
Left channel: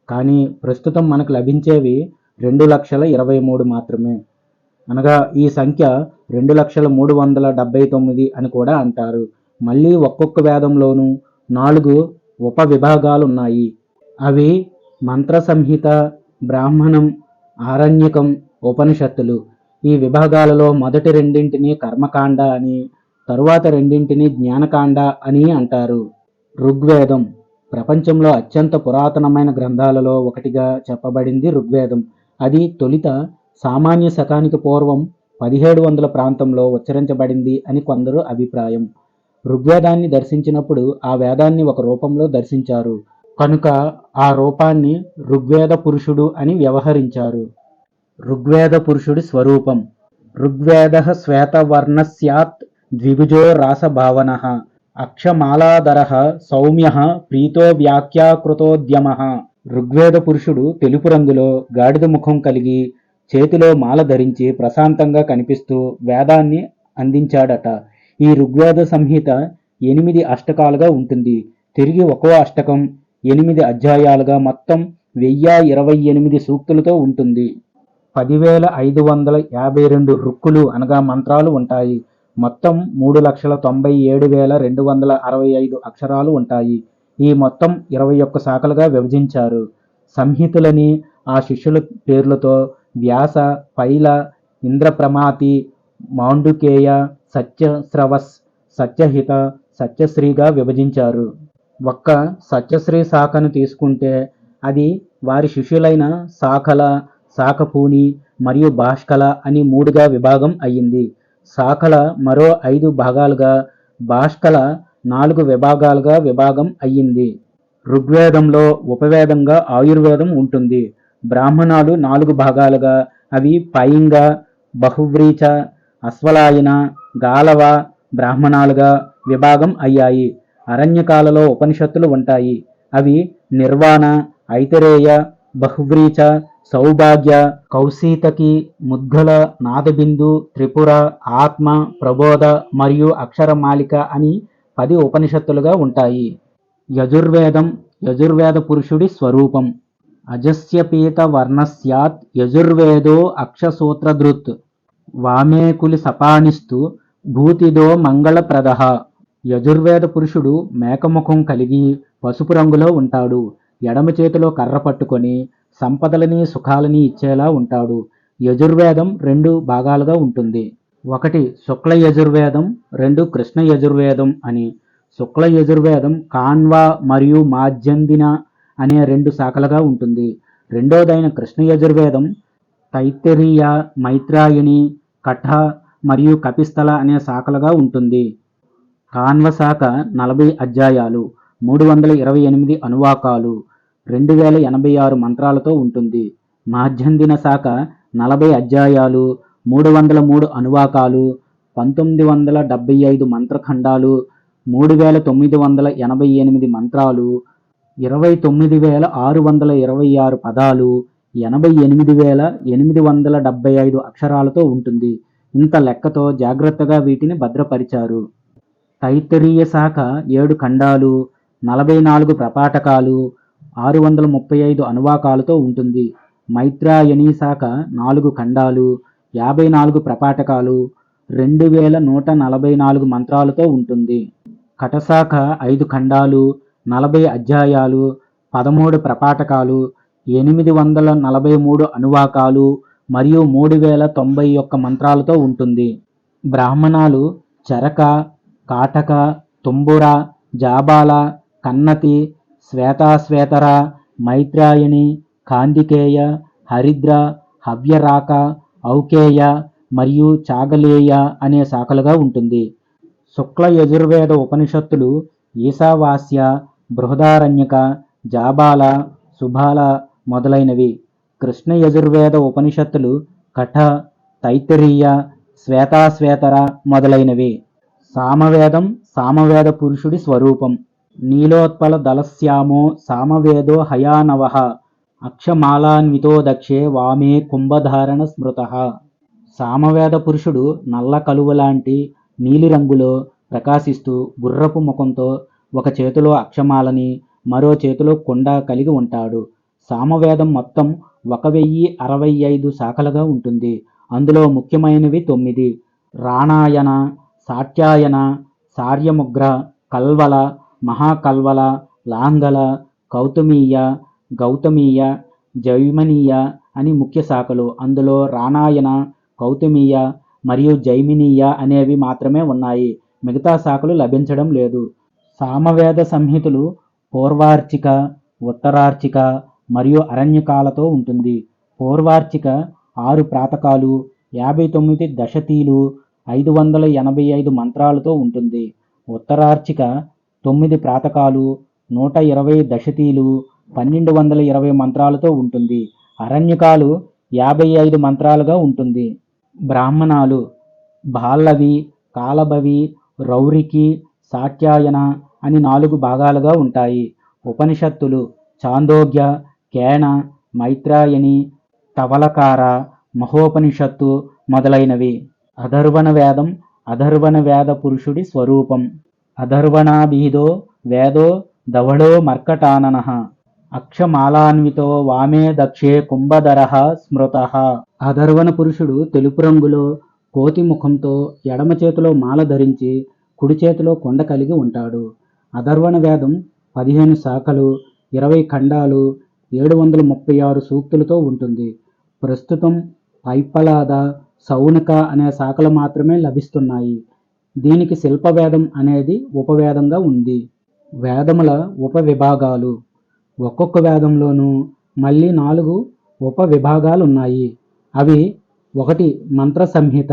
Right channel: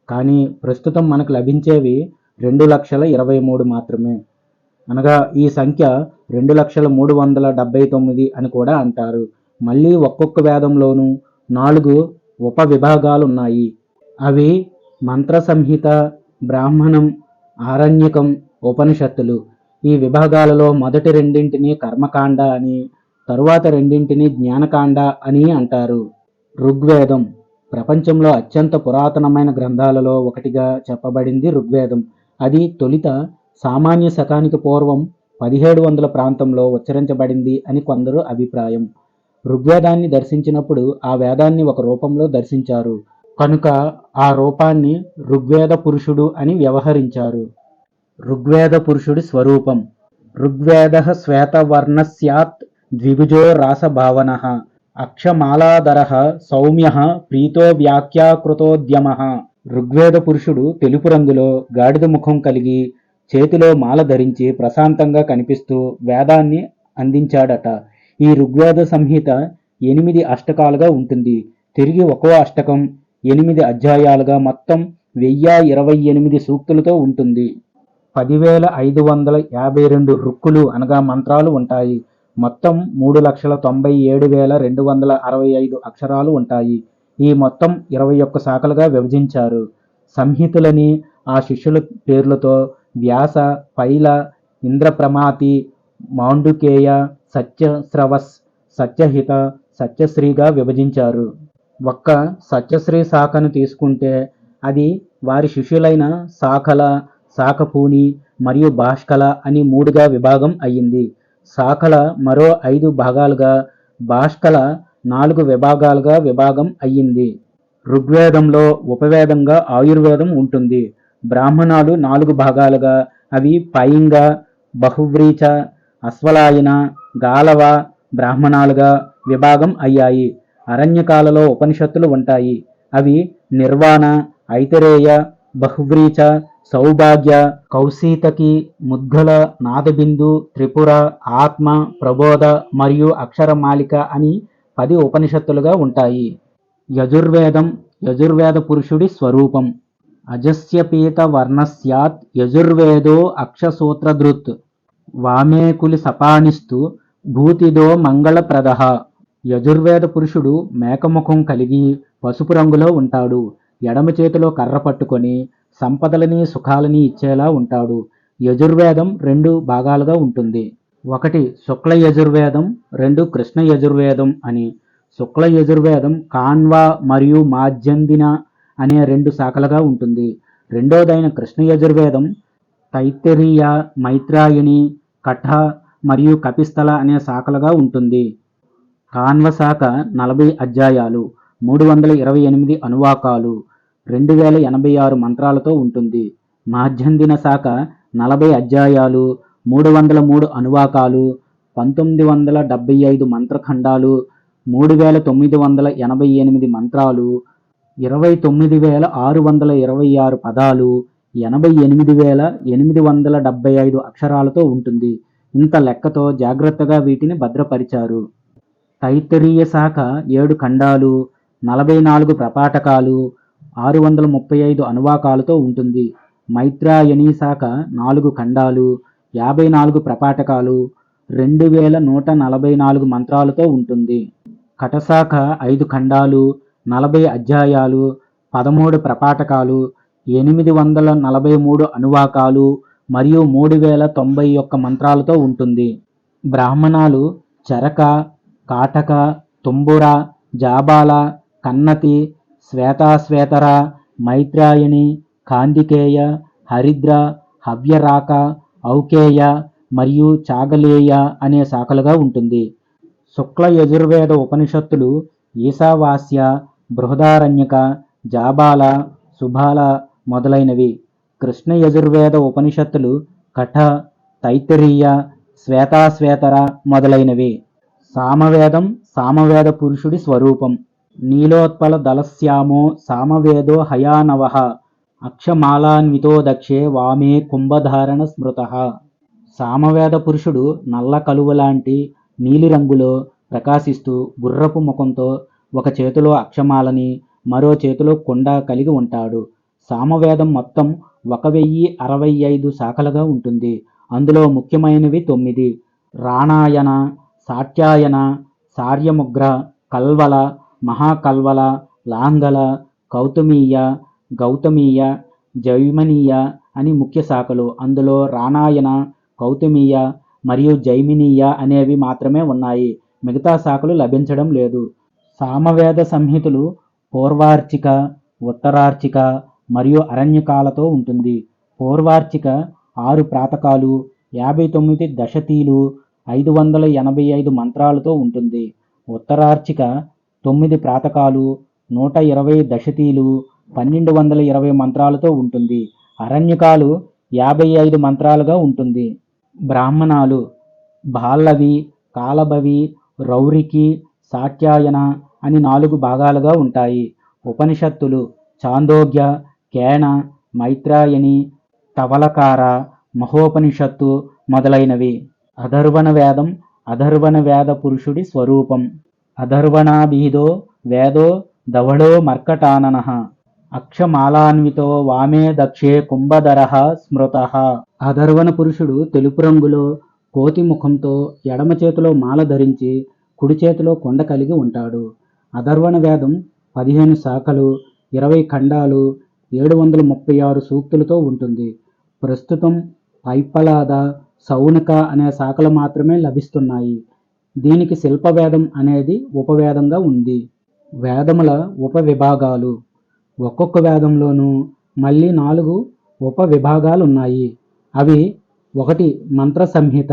కానీ ప్రస్తుతం మనకు లభించేవి 2,23,000 మాత్రమే. అనగా ఈ సంఖ్య 2,03,79 అని కూడా అంటారు. మళ్ళీ ఒక్కొక్క వేదంలోనూ 4 ఉప విభాగాలున్నాయి. అవి మంత్ర సంహిత, బ్రాహ్మణం, ఆరణ్యకం, ఉపనిషత్తులు. ఈ విభాగాలలో మొదటి రెండింటిని కర్మకాండ అని, తరువాత రెండింటిని జ్ఞానకాండ అని అంటారు. ఋగ్వేదం ప్రపంచంలో అత్యంత పురాతనమైన గ్రంథాలలో ఒకటిగా చెప్పబడింది ఋగ్వేదం. అది తొలిత సామాన్య శకానికి పూర్వం 1700 ప్రాంతంలో ఉచ్చరించబడింది అని కొందరు అభిప్రాయం. ఋగ్వేదాన్ని దర్శించినప్పుడు ఆ వేదాన్ని ఒక రూపంలో దర్శించారు కనుక ఆ రూపాన్ని ఋగ్వేద పురుషుడు అని వ్యవహరించారు. ఋగ్వేద పురుషుడి స్వరూపం. ఋగ్వేదః శ్వేతవర్ణః స్యాత్ ద్విభుజో రాసభావనః అక్షమాలాధరః సౌమ్యః ప్రీతో వ్యాఖ్యాకృతోద్యమః. ఋగ్వేద పురుషుడు తెలుపు రంగులో గాడిద ముఖం కలిగి చేతిలో మాల ధరించి ప్రశాంతంగా కనిపిస్తూ వేదాన్ని అందించాడట. ఈ ఋగ్వేద సంహిత 8 అష్టకాలుగా ఉంటుంది. తిరిగి ఒక్కో అష్టకం 8 అధ్యాయాలుగా మొత్తం 1028 సూక్తులతో ఉంటుంది. 10,552 రుక్కులు అనగా మంత్రాలు ఉంటాయి. మొత్తం 3,97,265 అక్షరాలు ఉంటాయి. ఈ మొత్తం 21 శాఖలుగా విభజించారు. సంహితులని ఆ శిష్యుల పేర్లతో వ్యాస, పైల, ఇంద్రప్రమాతి, మాండుకేయ, సత్యస్రవస్, సత్యహిత, సత్యశ్రీగా విభజించారు. ఒక్క సత్యశ్రీ శాఖను తీసుకుంటే అది వారి శిష్యులైన శాఖల, శాఖపూని మరియు భాష్కల అని 3గా విభాగం అయ్యింది. శాఖల మరో 5 భాగాలుగా, భాష్కల 4 విభాగాలుగా విభాగం అయ్యింది. ఋగ్వేదంలో ఉపవేదంగా ఆయుర్వేదం ఉంటుంది. బ్రాహ్మణాలు 4 భాగాలుగా, అవి పైంగ, బహువ్రీచ, అశ్వలాయన, గాలవ బ్రాహ్మణాలుగా విభాగం అయ్యాయి. అరణ్యకాలలో ఉపనిషత్తులు ఉంటాయి. అవి నిర్వాణ, ఐతరేయ, బహువ్రీచ, సౌభాగ్య, కౌశీతకి, ముద్గల, నాదబిందు, త్రిపుర, ఆత్మ, ప్రబోధ మరియు అక్షరమాలిక అని 10 ఉపనిషత్తులుగా ఉంటాయి. యజుర్వేదం యజుర్వేద పురుషుడి స్వరూపం. అజస్య పీత వర్ణస్యాత్ యజుర్వేదో అక్షసూత్రధృత్ వామే కులి సపానిస్తు భూతిదో మంగళప్రదః. యజుర్వేద పురుషుడు మేకముఖం కలిగి పసుపు రంగులో ఉంటాడు. ఎడమ చేతిలో కర్ర పట్టుకొని సంపదలని, సుఖాలని ఇచ్చేలా ఉంటాడు. యజుర్వేదం 2 భాగాలుగా ఉంటుంది. ఒకటి శుక్ల యజుర్వేదం, 2 కృష్ణ యజుర్వేదం అని. శుక్ల యజుర్వేదం కాన్వ మరియు మాధ్యందిన అనే 2 శాఖలుగా ఉంటుంది. రెండోదైన కృష్ణ యజుర్వేదం తైత్తరీయ, మైత్రాయణి, కఠ మరియు కపిస్థల అనే శాఖలుగా ఉంటుంది. కాన్వ శాఖ 40 అధ్యాయాలు, 328 అనువాకాలు, 2086 మంత్రాలతో ఉంటుంది. మాధ్యందిన శాఖ 40 అధ్యాయాలు, 303 అనువాకాలు, 1975 మంత్రఖండాలు, 3,988 మంత్రాలు, 29,626 పదాలు, 88,875 అక్షరాలతో ఉంటుంది. ఇంత లెక్కతో జాగ్రత్తగా వీటిని భద్రపరిచారు. తైత్తరీయ శాఖ 7 ఖండాలు, 44 ప్రపాఠకాలు, 635 అనువాకాలతో ఉంటుంది. మైత్రాయణీ శాఖ 4 ఖండాలు, 54 ప్రపాఠకాలు, 2,144 మంత్రాలతో ఉంటుంది. కటశాఖ 5 ఖండాలు, 40 అధ్యాయాలు, 13 ప్రపాఠకాలు, 843 అనువాకాలు మరియు 3,091 మంత్రాలతో ఉంటుంది. బ్రాహ్మణాలు చరక, కాటక, తుంబుర, జాబాల, కన్నతి, శ్వేతాశ్వేతర, మైత్రాయణి, కాందికేయ, హరిద్ర, హవ్యరాక, ఔకేయ మరియు చాగలేయ అనే శాఖలుగా ఉంటుంది. శుక్ల యజుర్వేద ఉపనిషత్తులు ఈశావాస్య, బృహదారణ్యక, జాబాల, సుబాల మొదలైనవి. కృష్ణ యజుర్వేద ఉపనిషత్తులు కఠ, తైత్తరీయ, శ్వేతాశ్వేతర మొదలైనవి. సామవేదం సామవేద పురుషుడి స్వరూపం. నీలోత్పల దళశ్యామో సామవేదో హయానవః అక్షమాలాన్వితో దక్షే వామే కుంభధారణ స్మృతః. సామవేద పురుషుడు నల్ల కలువలాంటి నీలిరంగులో ప్రకాశిస్తూ గుర్రపు ముఖంతో ఒక చేతిలో అక్షమాలని మరో చేతిలో కుండ కలిగి ఉంటాడు. సామవేదం మొత్తం 1065 శాఖలుగా ఉంటుంది. అందులో ముఖ్యమైనవి 9: రాణాయన, సాట్యాయన, సార్యముగ్ర, కల్వల, మహాకల్వల, లాంగల, కౌతమీయ, గౌతమీయ, జైమినీయ అని ముఖ్య శాఖలు. అందులో రాణాయన, కౌతమీయ మరియు జైమినీయ అనేవి మాత్రమే ఉన్నాయి. మిగతా శాఖలు లభించడం లేదు. సామవేద సంహితలు పూర్వార్చిక, ఉత్తరార్చిక మరియు అరణ్యకాలతో ఉంటుంది. పూర్వార్చిక 6 ప్రాతకాలు, 59 దశతీలు, 585 మంత్రాలతో ఉంటుంది. ఉత్తరార్చిక 9 ప్రాతకాలు, 120 దశతీలు, 1220 మంత్రాలతో ఉంటుంది. అరణ్యకాలు 55 మంత్రాలుగా ఉంటుంది. బ్రాహ్మణాలు బాల్లవి, కాలభవి, రౌరికి, సాట్యాయన అని 4 భాగాలుగా ఉంటాయి. ఉపనిషత్తులు చాందోగ్య, కేన, మైత్రాయని, తవలకార, మహోపనిషత్తు మొదలైనవి. అథర్వణ వేదం అథర్వణ వేద పురుషుడి స్వరూపం. అథర్వణాభిదో వేదో ధవళో మర్కటాననః అక్షమాలాన్వితో వామే దక్షే కుంభధరః స్మృతః. అథర్వణ పురుషుడు తెలుపు రంగులో కోతి ముఖంతో ఎడమ చేతిలో మాల ధరించి కుడి చేతిలో కొండ కలిగి ఉంటాడు. అథర్వణ వేదం 15 శాఖలు, 20 ఖండాలు, 736 సూక్తులతో ఉంటుంది. ప్రస్తుతం పైప్పలాద, సౌనక అనే శాఖలు మాత్రమే లభిస్తున్నాయి. దీనికి శిల్పవేదం అనేది ఉపవేదంగా ఉంది. వేదముల ఉపవిభాగాలు. ఒక్కొక్క వేదంలోనూ మళ్ళీ 4 ఉపవిభాగాలున్నాయి. అవి: 1 మంత్ర సంహిత.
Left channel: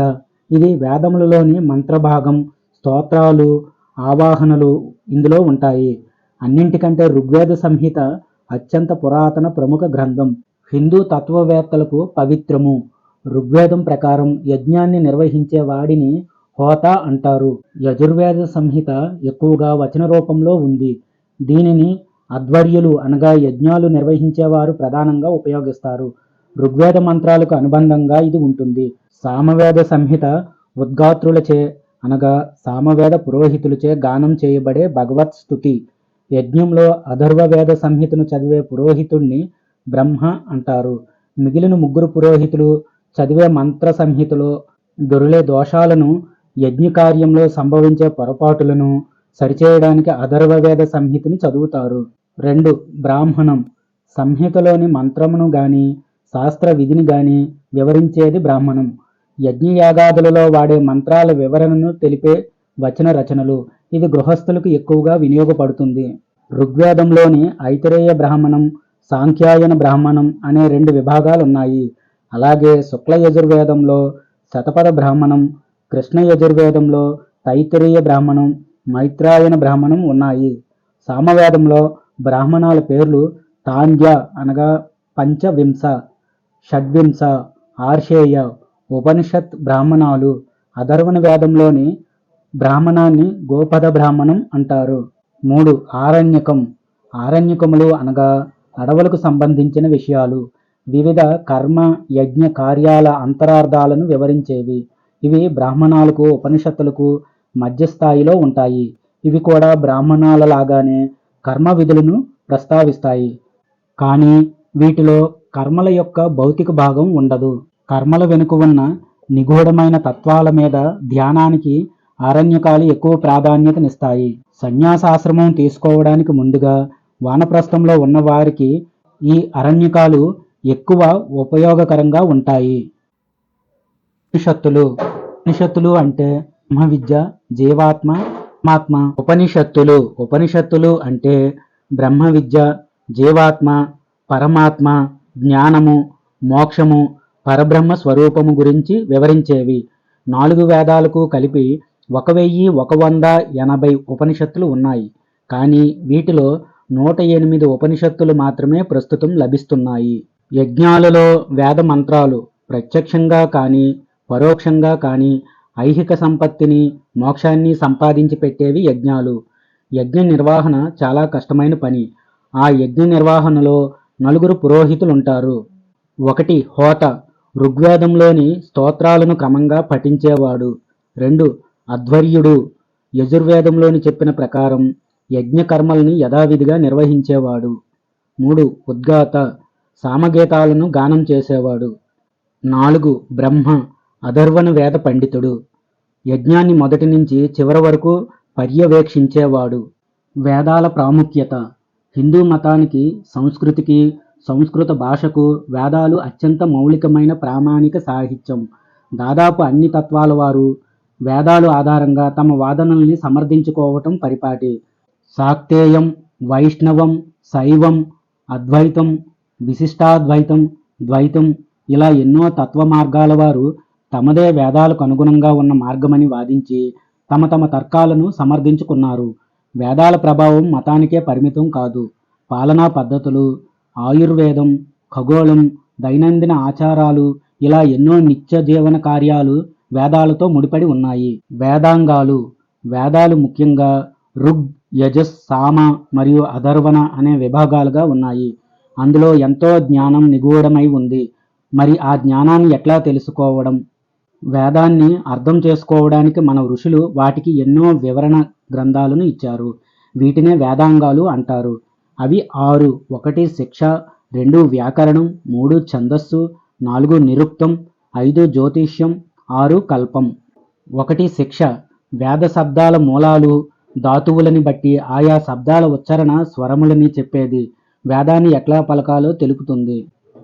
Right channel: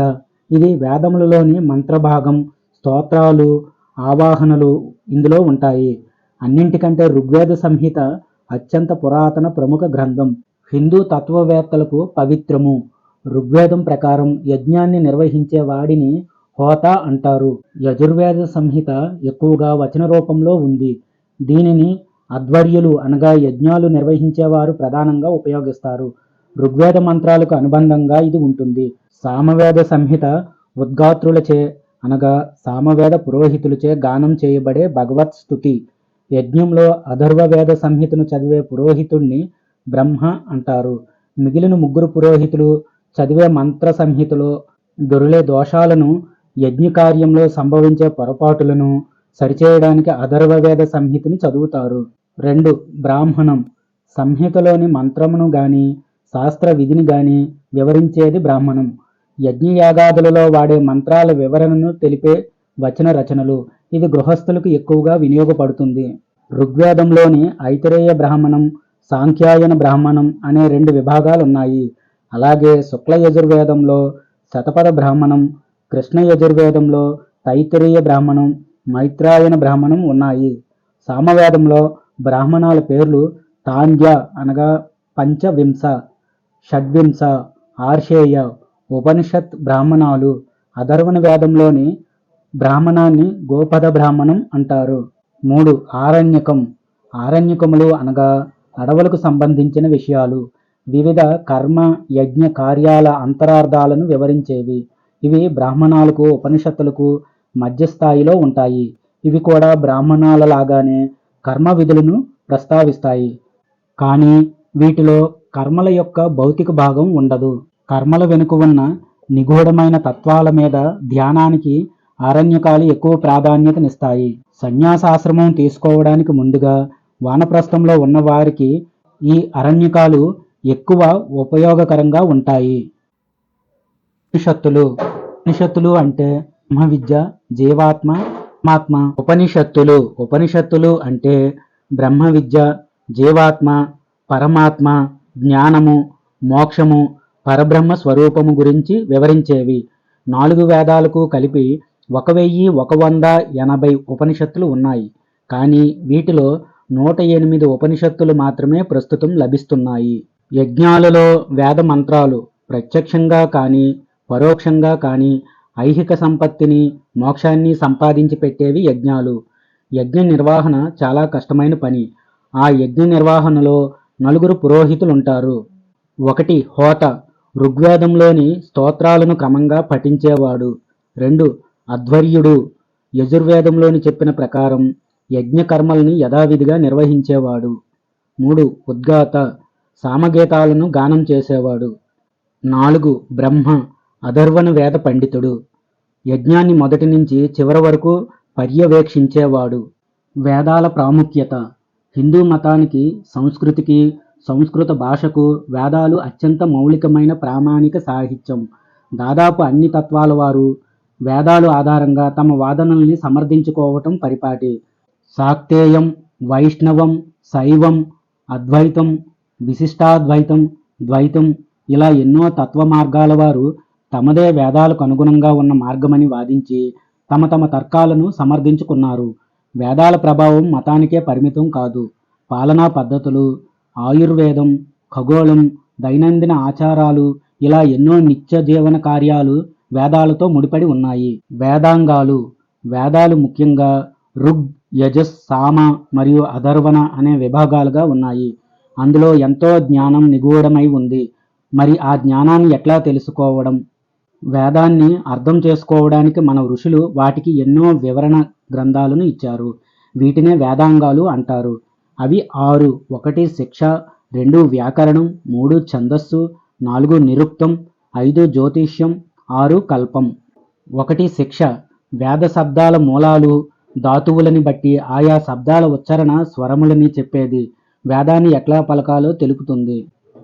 ఇది వేదములలోని మంత్రభాగం, స్తోత్రాలు, ఆవాహనలు ఇందులో ఉంటాయి. అన్నింటికంటే ఋగ్వేద సంహిత అత్యంత పురాతన ప్రముఖ గ్రంథం. హిందూ తత్వవేత్తలకు పవిత్రము. ఋగ్వేదం ప్రకారం యజ్ఞాన్ని నిర్వహించే వాడిని హోత అంటారు. యజుర్వేద సంహిత ఎక్కువగా వచన రూపంలో ఉంది. దీనిని అధ్వర్యులు అనగా యజ్ఞాలు నిర్వహించేవారు ప్రధానంగా ఉపయోగిస్తారు. ఋగ్వేద మంత్రాలకు అనుబంధంగా ఇది ఉంటుంది. సామవేద సంహిత ఉద్గాత్రులచే అనగా సామవేద పురోహితులచే గానం చేయబడే భగవత్ స్తుతి. యజ్ఞంలో అథర్వవేద సంహితను చదివే పురోహితుణ్ణి బ్రహ్మ అంటారు. మిగిలిన 3 పురోహితులు చదివే మంత్ర సంహితలో దొర్లే దోషాలను, యజ్ఞకార్యంలో సంభవించే పొరపాటులను సరిచేయడానికి అథర్వవేద సంహితని చదువుతారు. 2 బ్రాహ్మణం. సంహితలోని మంత్రమును గాని శాస్త్ర విధిని గాని వివరించేది బ్రాహ్మణం. యజ్ఞయాగాదులలో వాడే మంత్రాల వివరణను తెలిపే వచన రచనలు. ఇది గృహస్థులకు ఎక్కువగా వినియోగపడుతుంది. ఋగ్వేదంలోని ఐతరేయ బ్రాహ్మణం, సాంఖ్యాయన బ్రాహ్మణం అనే 2 విభాగాలున్నాయి. అలాగే శుక్ల యజుర్వేదంలో శతపథ బ్రాహ్మణం, కృష్ణ యజుర్వేదంలో తైత్తరీయ బ్రాహ్మణం, మైత్రాయన బ్రాహ్మణం ఉన్నాయి. సామవేదంలో బ్రాహ్మణాల పేర్లు తాండ్య అనగా పంచవింశ, షడ్వింశ, ఆర్షేయ. ఉపనిషత్ బ్రాహ్మణాలు. అథర్వణ వేదంలోని బ్రాహ్మణాన్ని గోపద బ్రాహ్మణం అంటారు. 3 ఆరణ్యకం. ఆరణ్యకములు అనగా అడవులకు సంబంధించిన విషయాలు. వివిధ కర్మ, యజ్ఞ కార్యాల అంతరార్థాలను వివరించేవి. ఇవి బ్రాహ్మణాలకు, ఉపనిషత్తులకు మధ్యస్థాయిలో ఉంటాయి. ఇవి కూడా బ్రాహ్మణాల లాగానే కర్మ విధులను ప్రస్తావిస్తాయి. కానీ వీటిలో కర్మల యొక్క భౌతిక భాగం ఉండదు. కర్మల వెనుక ఉన్న నిగూఢమైన తత్వాల మీద ధ్యానానికి ఆరణ్యకాలు ఎక్కువ ప్రాధాన్యతనిస్తాయి. సన్యాసాశ్రమం తీసుకోవడానికి ముందుగా వానప్రస్థంలో ఉన్న వారికి ఈ అరణ్యకాలు ఎక్కువ ఉపయోగకరంగా ఉంటాయి. ఉపనిషత్తులు. ఉపనిషత్తులు అంటే బ్రహ్మ విద్య, జీవాత్మ, పరమాత్మ. ఉపనిషత్తులు అంటే బ్రహ్మ విద్య, జీవాత్మ, పరమాత్మ, జ్ఞానము, మోక్షము, పరబ్రహ్మ స్వరూపము గురించి వివరించేవి. 4 వేదాలకు కలిపి 1180 ఉపనిషత్తులు ఉన్నాయి. కానీ వీటిలో 108 ఉపనిషత్తులు మాత్రమే ప్రస్తుతం లభిస్తున్నాయి. యజ్ఞాలలో వేద మంత్రాలు ప్రత్యక్షంగా కానీ పరోక్షంగా కానీ ఐహిక సంపత్తిని, మోక్షాన్ని సంపాదించి పెట్టేవి యజ్ఞాలు. యజ్ఞ నిర్వహణ చాలా కష్టమైన పని. ఆ యజ్ఞ నిర్వహణలో 4 పురోహితులుంటారు. 1 హోత, ఋగ్వేదంలోని స్తోత్రాలను క్రమంగా పఠించేవాడు. 2 అధ్వర్యుడు, యజుర్వేదంలోని చెప్పిన ప్రకారం యజ్ఞ కర్మల్ని యథావిధిగా నిర్వహించేవాడు. 3 ఉద్గాత, సామగీతాలను గానం చేసేవాడు. 4 బ్రహ్మ, అథర్వణ వేద పండితుడు, యజ్ఞాన్ని మొదటి నుంచి చివరి వరకు పర్యవేక్షించేవాడు. వేదాల ప్రాముఖ్యత. హిందూ మతానికి, సంస్కృతికి, సంస్కృత భాషకు వేదాలు అత్యంత మౌలికమైన ప్రామాణిక సాహిత్యం. దాదాపు అన్ని తత్వాల వారు వేదాలు ఆధారంగా తమ వాదనల్ని సమర్థించుకోవటం పరిపాటి. శాక్తేయం, వైష్ణవం, శైవం, అద్వైతం, విశిష్టాద్వైతం, ద్వైతం ఇలా ఎన్నో తత్వ మార్గాల వారు తమదే వేదాలకు అనుగుణంగా ఉన్న మార్గమని వాదించి తమ తమ తర్కాలను సమర్థించుకున్నారు. వేదాల ప్రభావం మతానికే పరిమితం కాదు. పాలనా పద్ధతులు, ఆయుర్వేదం, ఖగోళం, దైనందిన ఆచారాలు ఇలా ఎన్నో నిత్య జీవన కార్యాలు వేదాలతో ముడిపడి ఉన్నాయి. వేదాంగాలు. వేదాలు ముఖ్యంగా ఋగ్, యజస్, సామ మరియు అథర్వణ అనే విభాగాలుగా ఉన్నాయి. అందులో ఎంతో జ్ఞానం నిగూఢమై ఉంది. మరి ఆ జ్ఞానాన్ని ఎట్లా తెలుసుకోవడం? వేదాన్ని అర్థం చేసుకోవడానికి మన ఋషులు వాటికి ఎన్నో వివరణ గ్రంథాలను ఇచ్చారు. వీటినే వేదాంగాలు అంటారు. అవి 6. 1 శిక్ష, 2 వ్యాకరణం, 3 ఛందస్సు, 4 నిరుక్తం, 5 జ్యోతిష్యం, 6 కల్పం. 1 శిక్ష. వేద శబ్దాల మూలాలు, ధాతువులని బట్టి ఆయా శబ్దాల ఉచ్చారణ స్వరములని చెప్పేది. వేదాన్ని ఎట్లా పలకాలో తెలుపుతుంది.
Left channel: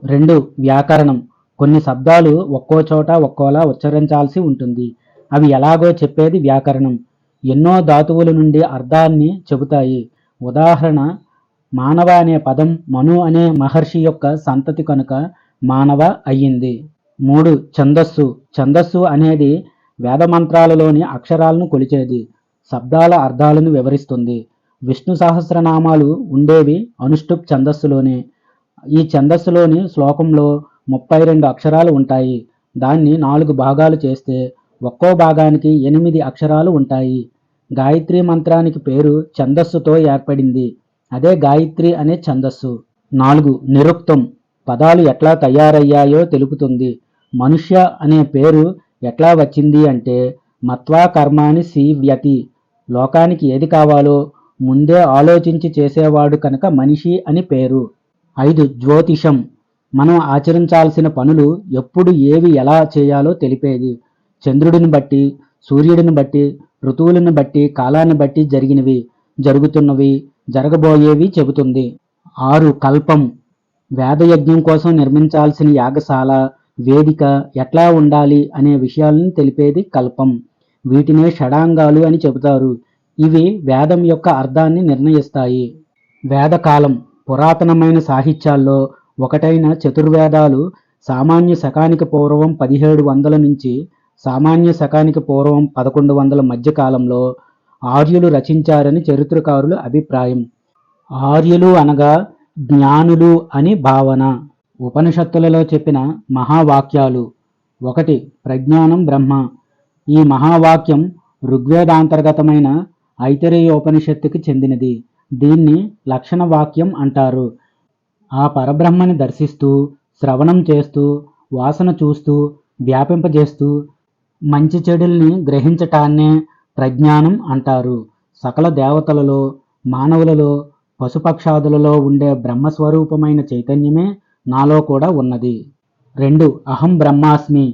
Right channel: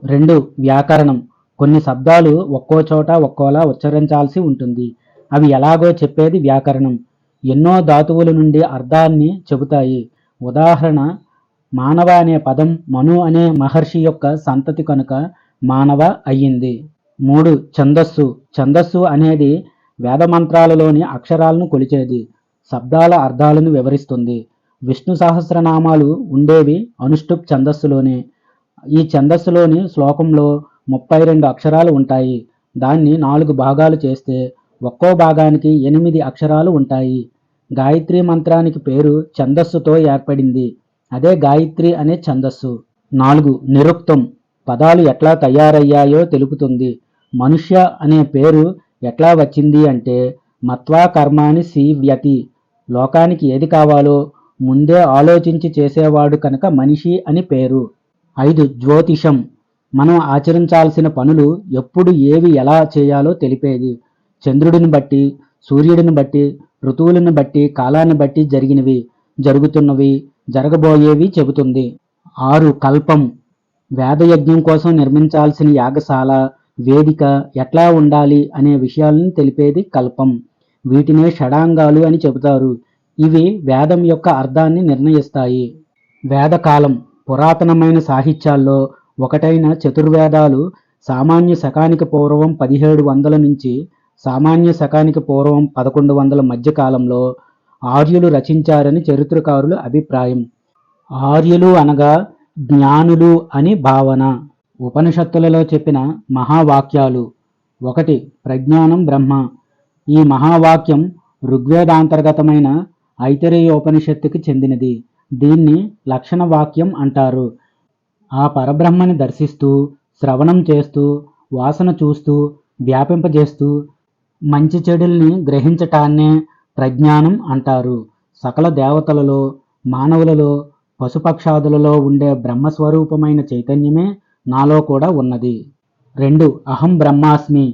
2 వ్యాకరణం. కొన్ని శబ్దాలు ఒక్కో చోట ఒక్కోలా ఉచ్చరించాల్సి ఉంటుంది. అవి ఎలాగో చెప్పేది వ్యాకరణం. ఎన్నో ధాతువుల నుండి అర్థాన్ని చెబుతాయి. ఉదాహరణ, మానవ అనే పదం మను అనే మహర్షి యొక్క సంతతి కనుక మానవ అయ్యింది. 3 ఛందస్సు. ఛందస్సు అనేది వేదమంత్రాలలోని అక్షరాలను కొలిచేది. శబ్దాల అర్థాలను వివరిస్తుంది. విష్ణు సహస్రనామాలు ఉండేవి అనుష్టుప్ ఛందస్సులోనే. ఈ ఛందస్సులోని శ్లోకంలో 32 అక్షరాలు ఉంటాయి. దాన్ని 4 భాగాలు చేస్తే ఒక్కో భాగానికి 8 అక్షరాలు ఉంటాయి. గాయత్రి మంత్రానికి పేరు ఛందస్సుతో ఏర్పడింది. అదే గాయత్రి అనే ఛందస్సు. 4 నిరుక్తం. పదాలు ఎట్లా తయారయ్యాయో తెలుపుతుంది. మనుష్య అనే పేరు ఎట్లా వచ్చింది అంటే మత్వా కర్మాని సీవ్యతి. లోకానికి ఏది కావాలో ముందే ఆలోచించి చేసేవాడు కనుక మనిషి అని పేరు. 5 జ్యోతిషం. మనం ఆచరించాల్సిన పనులు ఎప్పుడు ఏవి ఎలా చేయాలో తెలిపేది. చంద్రుడిని బట్టి, సూర్యుడిని బట్టి, ఋతువులను బట్టి, కాలాన్ని బట్టి జరిగినవి, జరుగుతున్నవి, జరగబోయేవి చెబుతుంది. 6 కల్పం. వేదయజ్ఞం కోసం నిర్మించాల్సిన యాగశాల, వేదిక ఎట్లా ఉండాలి అనే విషయాలను తెలిపేది కల్పం. వీటినే షడాంగాలు అని చెబుతారు. ఇవి వేదం యొక్క అర్థాన్ని నిర్ణయిస్తాయి. వేదకాలం. పురాతనమైన సాహిత్యాల్లో ఒకటైన చతుర్వేదాలు సామాన్య శకానికి పూర్వం 1700 నుంచి సామాన్య శకానికి పూర్వం 1100 మధ్య కాలంలో ఆర్యులు రచించారని చరిత్రకారుల అభిప్రాయం. ఆర్యులు అనగా జ్ఞానులు అని భావన. ఉపనిషత్తులలో చెప్పిన మహావాక్యాలు. 1 ప్రజ్ఞానం బ్రహ్మ. ఈ మహావాక్యం ఋగ్వేదాంతర్గతమైన ఐతరేయోపనిషత్తుకి చెందినది. దీన్ని లక్షణ వాక్యం అంటారు. ఆ పరబ్రహ్మని దర్శిస్తూ, శ్రవణం చేస్తూ, వాసన చూస్తూ, వ్యాపింపజేస్తూ మంచి చెడుల్ని గ్రహించటాన్నే ప్రజ్ఞానం అంటారు. సకల దేవతలలో, మానవులలో, పశుపక్షాదులలో ఉండే బ్రహ్మస్వరూపమైన చైతన్యమే నాలో కూడా ఉన్నది. 2 అహం బ్రహ్మాస్మి.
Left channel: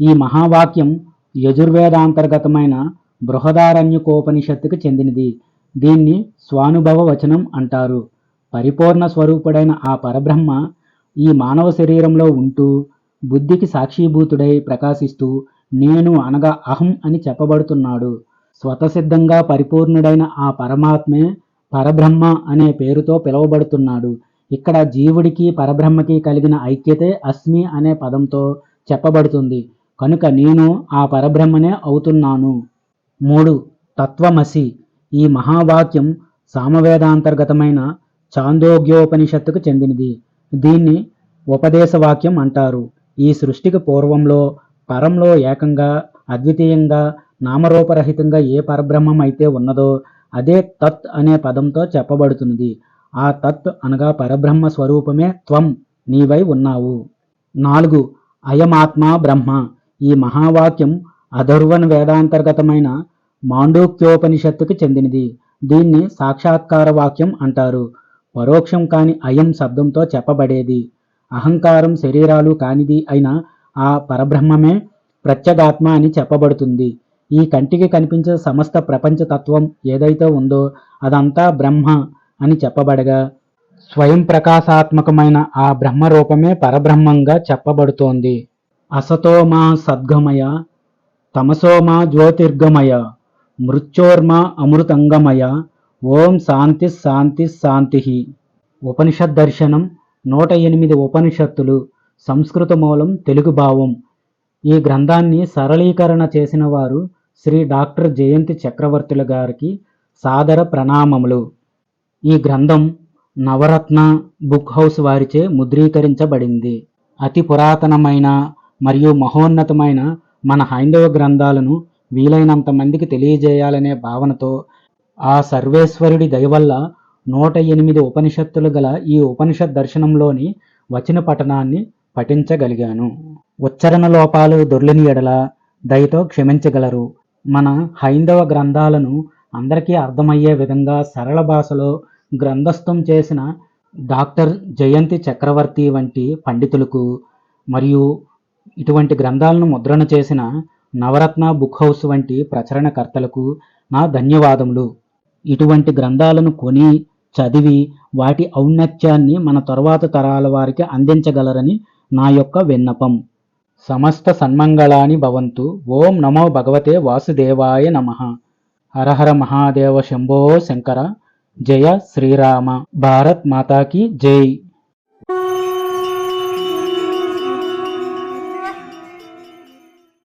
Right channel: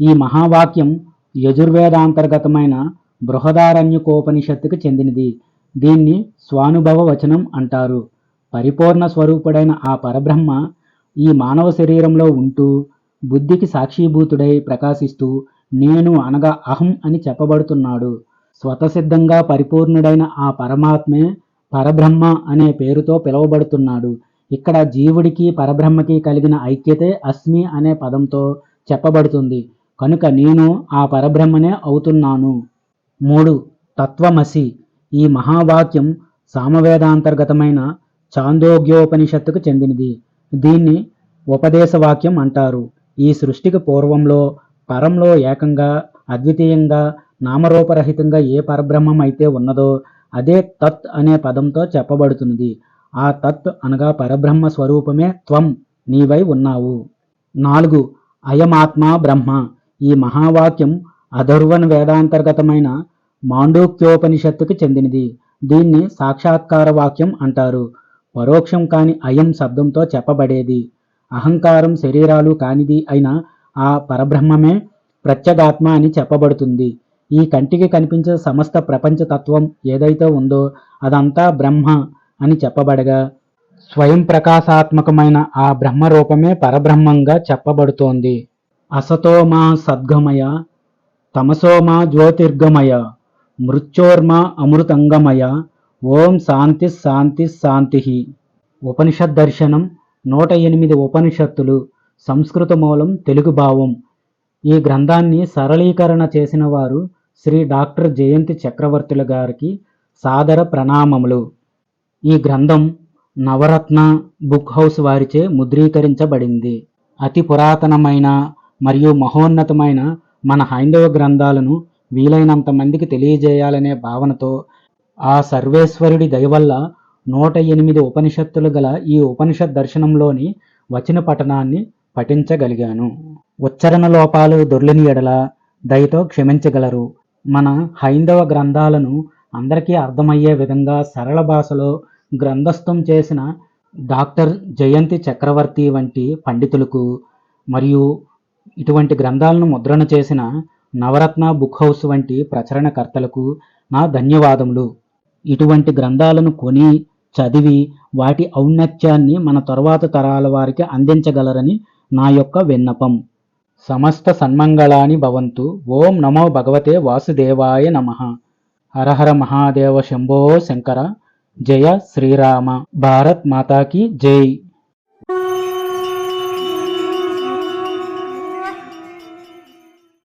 ఈ మహావాక్యం యజుర్వేదాంతర్గతమైన బృహదారణ్యకోపనిషత్తుకు చెందినది. దీన్ని స్వానుభవ వచనం అంటారు. పరిపూర్ణ స్వరూపుడైన ఆ పరబ్రహ్మ ఈ మానవ శరీరంలో ఉంటూ బుద్ధికి సాక్షీభూతుడై ప్రకాశిస్తూ నేను అనగా అహం అని చెప్పబడుతున్నాడు. స్వతసిద్ధంగా పరిపూర్ణుడైన ఆ పరమాత్మే పరబ్రహ్మ అనే పేరుతో పిలువబడుతున్నాడు. ఇక్కడ జీవుడికి పరబ్రహ్మకి కలిగిన ఐక్యతే అస్మి అనే పదంతో చెప్పబడుతుంది. కనుక నేను ఆ పరబ్రహ్మనే అవుతున్నాను. 3 తత్వమసి. ఈ మహావాక్యం సామవేదాంతర్గతమైన చాందోగ్యోపనిషత్తుకు చెందినది. దీన్ని ఉపదేశవాక్యం అంటారు. ఈ సృష్టికి పూర్వంలో, పరంలో ఏకంగా, అద్వితీయంగా, నామరూపరహితంగా ఏ పరబ్రహ్మం అయితే ఉన్నదో అదే తత్ అనే పదంతో చెప్పబడుతున్నది. ఆ తత్ అనగా పరబ్రహ్మ స్వరూపమే త్వం, నీవై ఉన్నావు. 4. అయమాత్మ బ్రహ్మ. ఈ మహావాక్యం అథర్వణ వేదాంతర్గతమైన మాండూక్యోపనిషత్తుకి చెందినది. దీన్ని సాక్షాత్కార వాక్యం అంటారు. పరోక్షం కాని అయం శబ్దంతో చెప్పబడేది. అహంకారం శరీరాలు కానిది అయిన ఆ పరబ్రహ్మమే ప్రత్యేగాత్మ అని చెప్పబడుతుంది. ఈ కంటికి కనిపించే సమస్త ప్రపంచ తత్వం ఏదైతే ఉందో అదంతా బ్రహ్మ అని చెప్పబడగా, స్వయం ప్రకాశాత్మకమైన ఆ బ్రహ్మరూపమే పరబ్రహ్మంగా చెప్పబడుతోంది. అసతోమా సద్గమయ, తమసోమా జ్యోతిర్గమయ, మృత్యోర్మా అమృతంగమయ, ఓం శాంతి శాంతి శాంతి. ఉపనిషద్ దర్శనం 108 ఉపనిషత్తులు. సంస్కృత మూలం, తెలుగు భావం. ఈ గ్రంథాన్ని సరళీకరణ చేసిన వారు శ్రీ డాక్టర్ జయంతి చక్రవర్తుల గారికి సాదర ప్రణామములు. ఈ గ్రంథం నవరత్న బుక్ హౌస్ వారిచే ముద్రీకరించబడింది. అతి పురాతనమైన మరియు మహోన్నతమైన మన హైందవ గ్రంథాలను వీలైనంత మందికి తెలియజేయాలనే భావనతో ఆ సర్వేశ్వరుడి దయవల్ల 108 ఉపనిషత్తులు గల ఈ ఉపనిషత్ దర్శనంలోని వచన పఠనాన్ని పఠించగలిగాను. ఉచ్చరణ లోపాలు దొర్లిని ఎడల దయతో క్షమించగలరు. మన హైందవ గ్రంథాలను అందరికీ అర్థమయ్యే విధంగా సరళ భాషలో గ్రంథస్థం చేసిన డాక్టర్ జయంతి చక్రవర్తి వంటి పండితులకు మరియు ఇటువంటి గ్రంథాలను ముద్రణ చేసిన నవరత్న బుక్ హౌస్ వంటి ప్రచురణకర్తలకు నా ధన్యవాదములు. ఇటువంటి గ్రంథాలను కొని చదివి వాటి ఔన్నత్యాన్ని మన తరువాత తరాల వారికి అందించగలరని నా యొక్క విన్నపం. సమస్త సన్మంగళాని భవంతు. ఓం నమో భగవతే వాసుదేవాయ నమః. హర హర మహాదేవ శంభో శంకర. జయ శ్రీరామ. భారత్ మాతాకి జై.